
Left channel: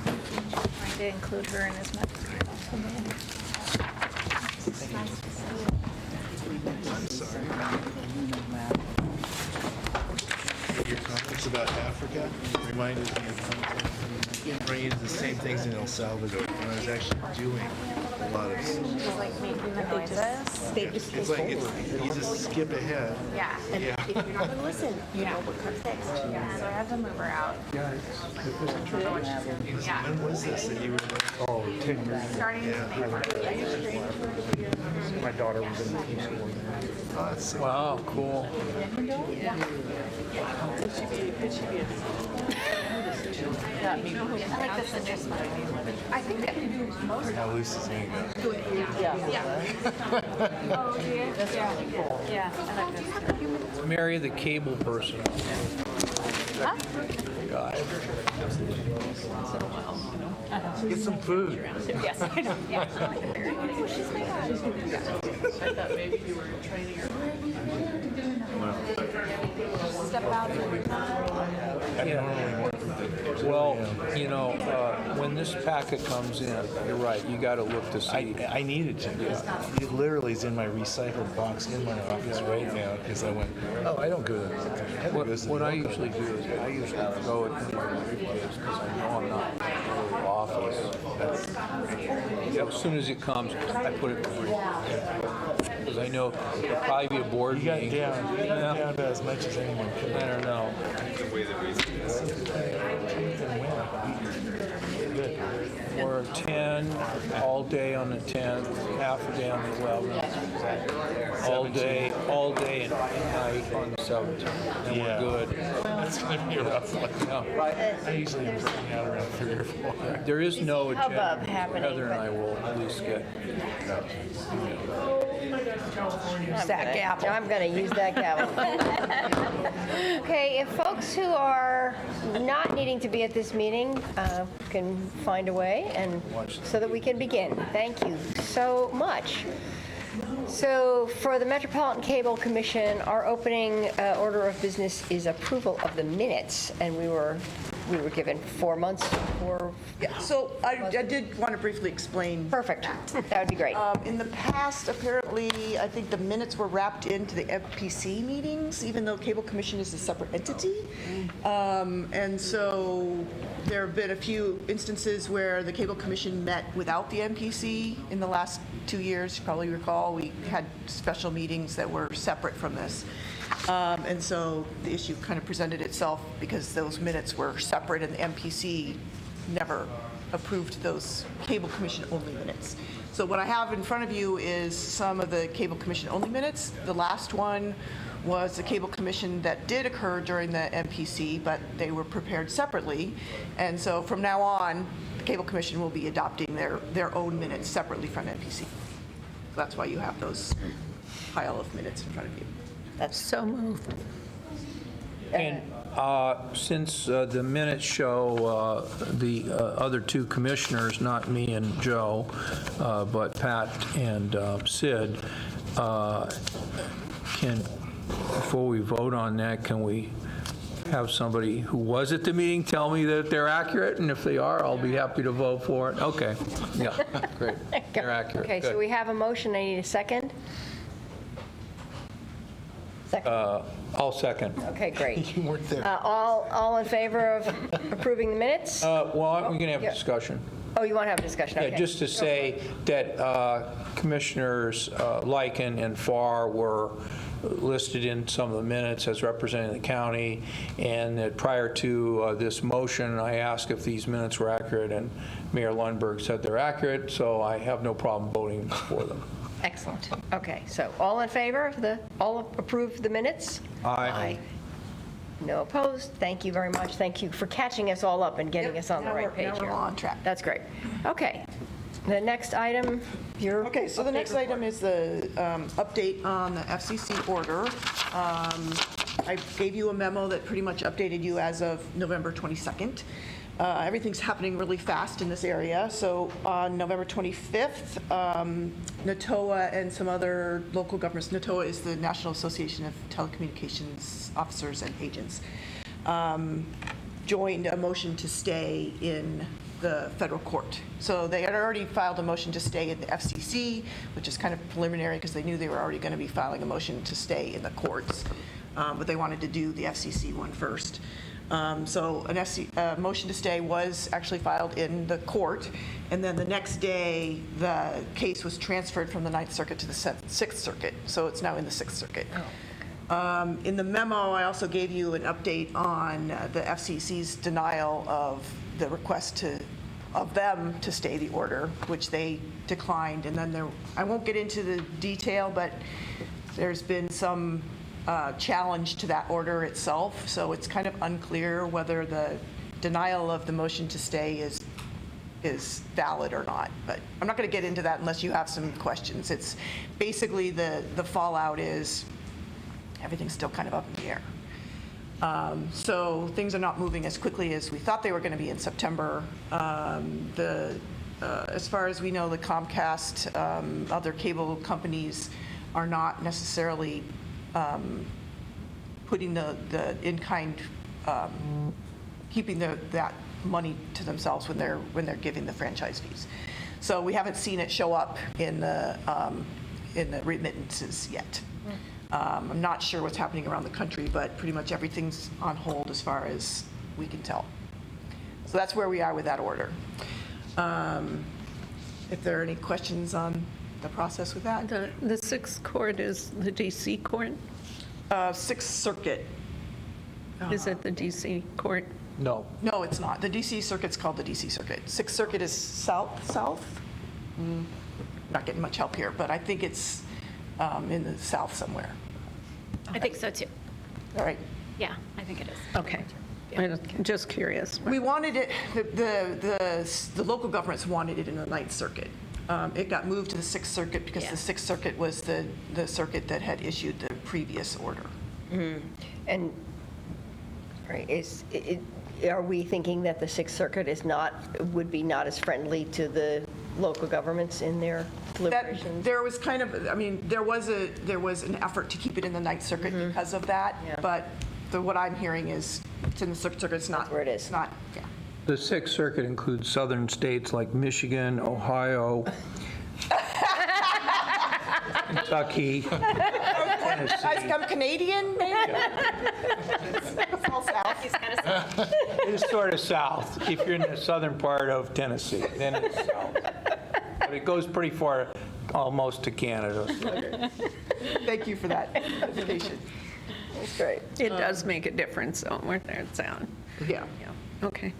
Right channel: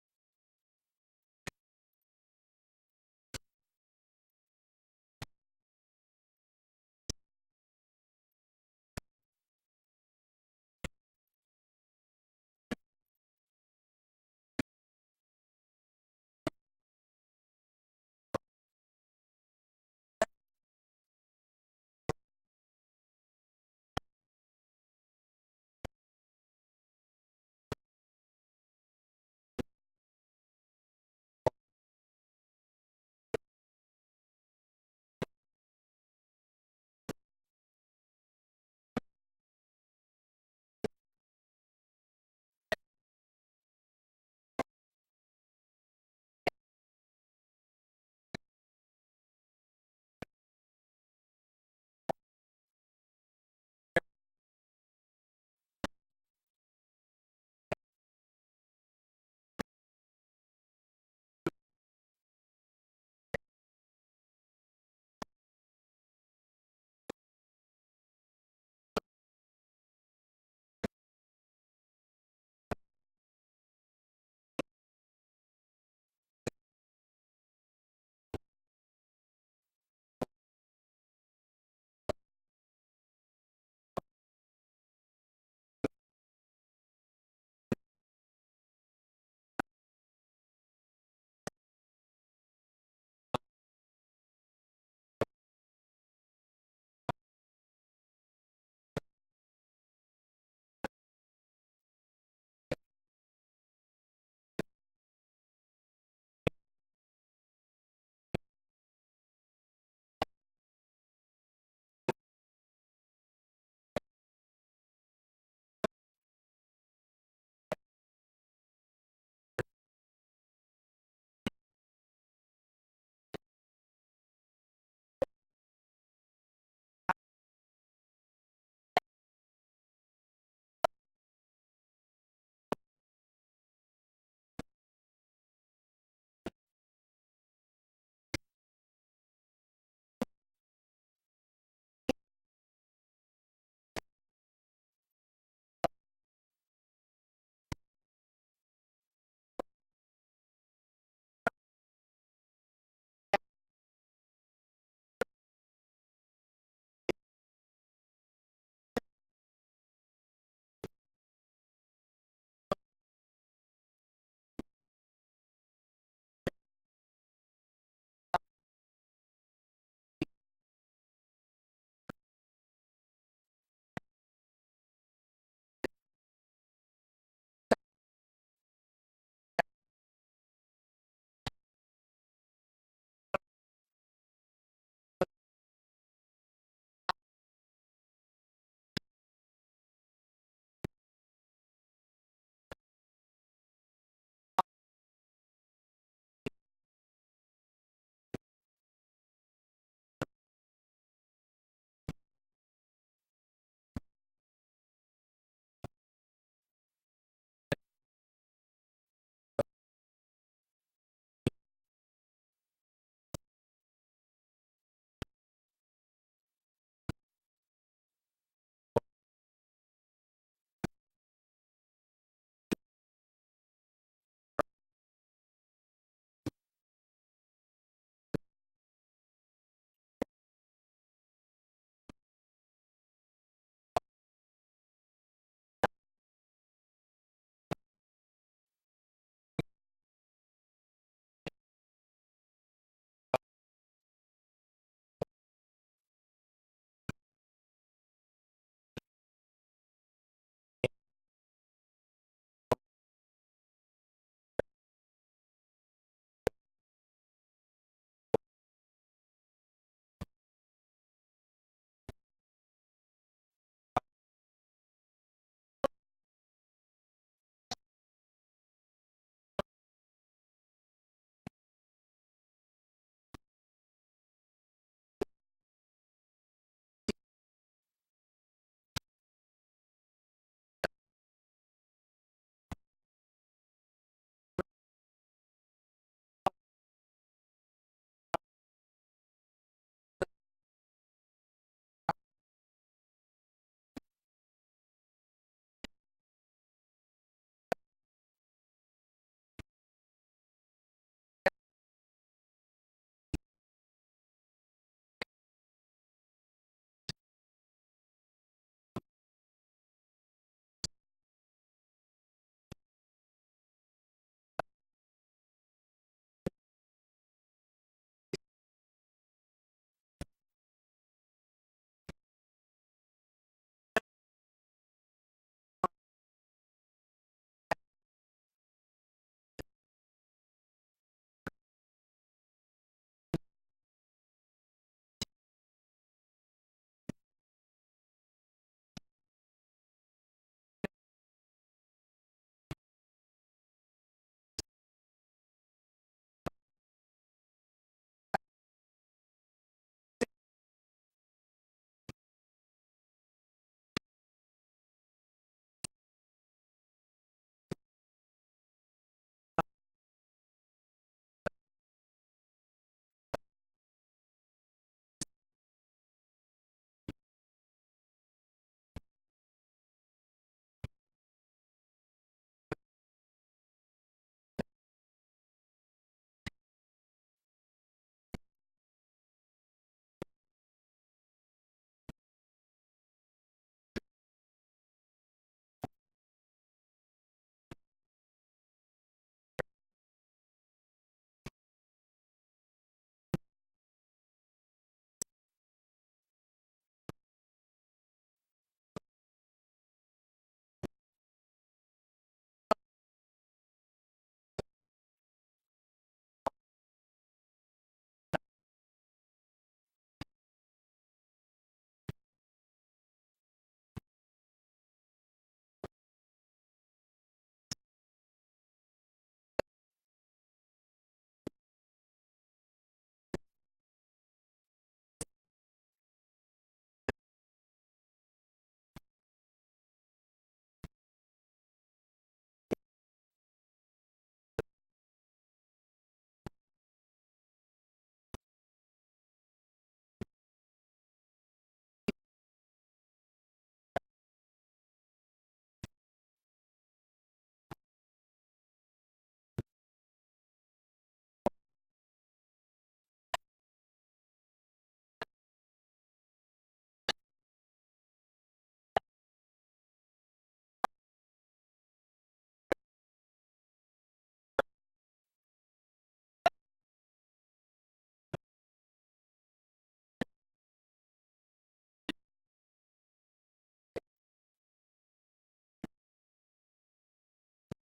Trying to include her in as much as possible. Your comments about Africa reminded me of running into the same things in El Salvador when I was actually doing a lot of Like making the noises. It's like, you just skip ahead. Yeah. And Yeah. if you're not going to listen, you know what comes next. Yeah, so I have the mover out. Yeah, When was this that you were there? oh, 10 years ago. Starting May 1st. My daughter was in the Peace Corps there. Oh, that's sick. Wow, cool. How loose is it? Mary, the cable person. Guy. Get some food. Yes, I know. Yeah. I thought maybe you were training her. Step out. Well, you know, when this packet comes in, you're right, you got to look to see. I needed to. It literally is in my recycled box in my office right now because I went, oh, I don't go to What I usually do is I usually throw it in my briefcase because I know I'm not in the office. As soon as it comes, I put it in the briefcase. Because I know there'll probably be a board You got meeting. down about as much as anyone could. I don't know. We're 10 all day on the 10th, half a day on the 11th, all day and night on the 17th, and Yeah. we're good. That's going to be a rough one. Yeah. I usually am breaking out around 3 or 4. There is no agenda. Hubbub happening, Heather and I will at least get. Use that gavel. I'm going to use that gavel. Okay, if folks who are not needing to be at this meeting can find a way and so that we can begin. Thank you so much. So for the Metropolitan Cable Commission, our opening order of business is approval of the minutes, and we were given 4 months for. Yeah, so I did want to briefly explain. Perfect. That would be great. In the past, apparently, I think the minutes were wrapped into the FPC meetings, even though Cable Commission is a separate entity. And so there have been a few instances where the Cable Commission met without the MPC in the last 2 years. You probably recall, we had special meetings that were separate from this. And so the issue kind of presented itself because those minutes were separate and the MPC never approved those Cable Commission only minutes. So what I have in front of you is some of the Cable Commission only minutes. The last one was the Cable Commission that did occur during the MPC, but they were prepared separately. And so from now on, the Cable Commission will be adopting their own minutes separately from MPC. So that's why you have those pile of minutes in front of you. That's so moved. And since the minutes show the other two commissioners, not me and Joe, but Pat and Sid, before we vote on that, can we have somebody who was at the meeting tell me that they're accurate? And if they are, I'll be happy to vote for it. Okay, yeah, great. They're accurate. Okay, so Good. we have a motion. I need a second. I'll second. Okay, great. You weren't there. All in favor of approving the minutes? Well, we're going to have a Yeah. discussion. Oh, you want to have a discussion? Yeah, Okay. just to say that Commissioners Lycan and Farr were listed in some of the minutes as representing the county, and that prior to this motion, I asked if these minutes were accurate, and Mayor Lundberg said they're accurate, so I have no problem voting for them. Excellent. Okay, so all in favor of all approve the minutes? Aye. No opposed? Thank you very much. Thank you for catching us all up and getting us on the right page Now we're here. on track. That's great. Okay, the next item, your. Okay, so the next item is the update on the FCC order. I gave you a memo that pretty much updated you as of November 22nd. Everything's happening really fast in this area. So on November 25th, NATOA and some other local governments, NATOA is the National Association of Telecommunications Officers and Agents, joined a motion to stay in the federal court. So they had already filed a motion to stay in the FCC, which is kind of preliminary because they knew they were already going to be filing a motion to stay in the courts. But they wanted to do the FCC one first. So a motion to stay was actually filed in the court, and then the next day, the case was transferred from the Ninth Circuit to the Sixth Circuit, so it's now in the Sixth Circuit. In the memo, I also gave you an update on the FCC's denial of the request of them to stay the order, which they declined. And then I won't get into the detail, but there's been some challenge to that order itself, so it's kind of unclear whether the denial of the motion to stay is valid or not. But I'm not going to get into that unless you have some questions. It's basically the fallout is everything's still kind of up in the air. So things are not moving as quickly as we thought they were going to be in September. As far as we know, the Comcast, other cable companies are not necessarily putting the in-kind, keeping that money to themselves when they're giving the franchise fees. So we haven't seen it show up in the remittances yet. I'm not sure what's happening around the country, but pretty much everything's on hold as far as we can tell. So that's where we are with that order. If there are any questions on the process with that. The Sixth Court is the DC court? Sixth Circuit. Is it the DC court? No. No, it's not. The DC Circuit's called the DC Circuit. Sixth Circuit is south? Not getting much help here, but I think it's in the south somewhere. I think so too. All right. Yeah, I think it is. Okay. I'm just curious. We wanted it, the local governments wanted it in the Ninth Circuit. It got moved to the Sixth Circuit because the Sixth Circuit was the circuit that had issued the previous order. And, right, are we thinking that the Sixth Circuit would be not as friendly to the local governments in their deliberations? There was kind of, there was an effort to keep it in the Ninth Circuit because of that, but what I'm hearing is it's in the Sixth Circuit, it's not. That's where it is. It's not, yeah. The Sixth Circuit includes southern states like Michigan, Ohio, Kentucky, Tennessee. I'm Canadian, maybe? It's all south. It's sort of south. If you're in the southern part of Tennessee, then it's south. But it goes pretty far, almost to Canada. Thank you for that clarification. That's great. It does make a difference, though, where it's at. Yeah. Okay.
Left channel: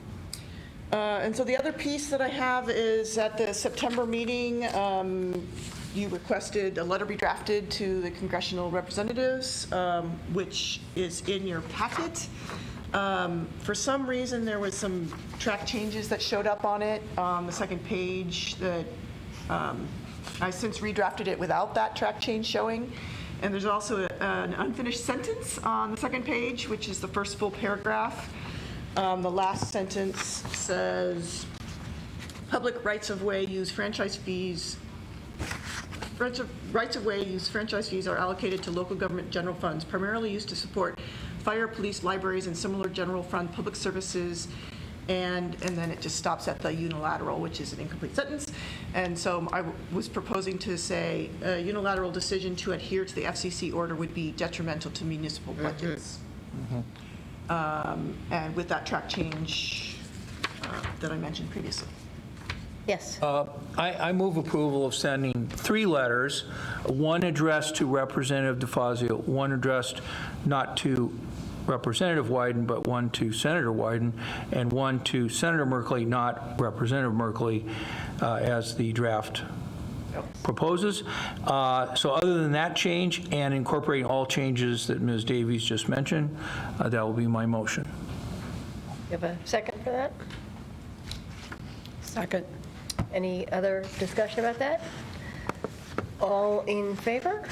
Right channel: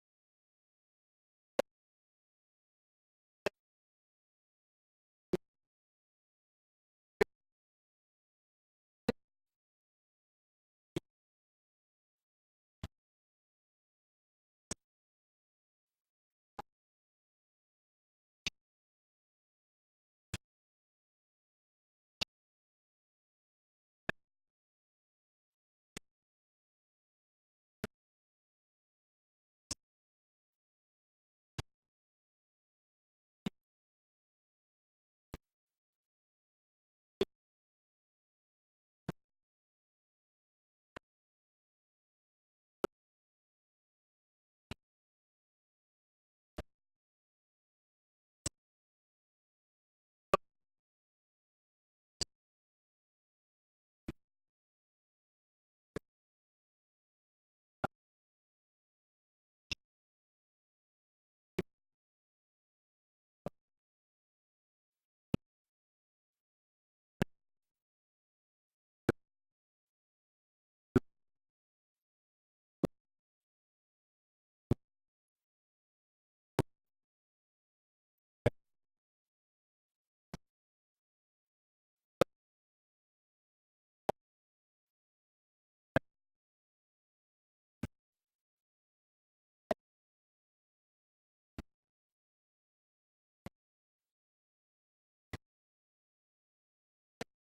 And so the other piece that I have is at the September meeting, you requested a letter be drafted to the congressional representatives, which is in your packet. For some reason, there was some track changes that showed up on it on the second page that I since redrafted it without that track change showing. And there's also an unfinished sentence on the second page, which is the first full paragraph. The last sentence says, public rights-of-way use franchise fees rights-of-way use franchise fees are allocated to local government general funds, primarily used to support fire, police, libraries, and similar general fund public services. And then it just stops at the unilateral, which is an incomplete sentence. And so I was proposing to say a unilateral decision to adhere to the FCC order would be detrimental to municipal budgets. And with that track change that I mentioned previously. Yes. I move approval of sending 3 letters, one addressed to Representative DeFazio, one addressed not to Representative Wyden, but one to Senator Wyden, and one to Senator Merkley, not Representative Merkley, as the draft proposes. So other than that change and incorporating all changes that Ms. Davies just mentioned, that will be my motion. You have a second for that? Second. Any other discussion about that? All in favor?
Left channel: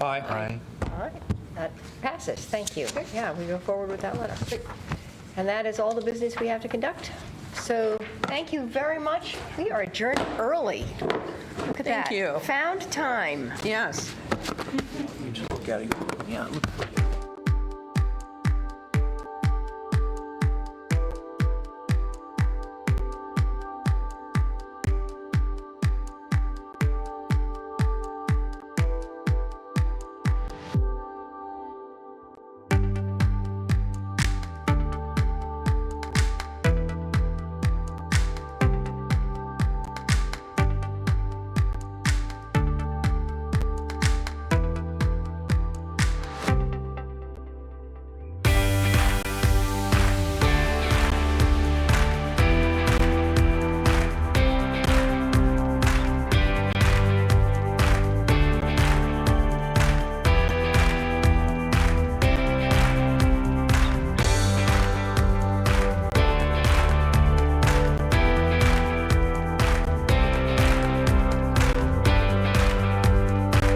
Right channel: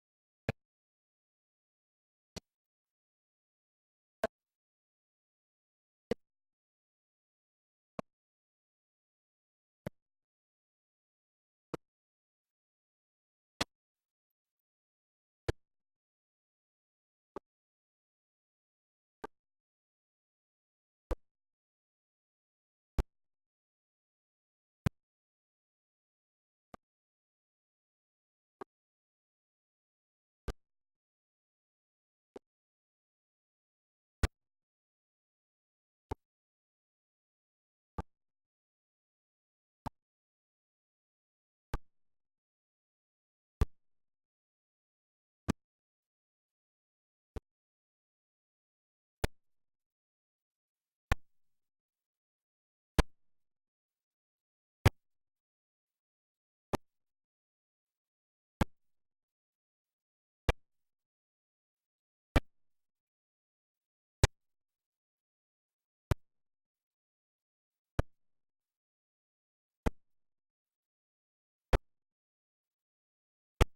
Aye. Aye. All right, that passes, thank you. Yeah, we go forward with that letter. And that is all the business we have to conduct. So, thank you very much. We are adjourned early. Look at that. Thank you. Found time. Yes. You just look at it. Yeah. Look.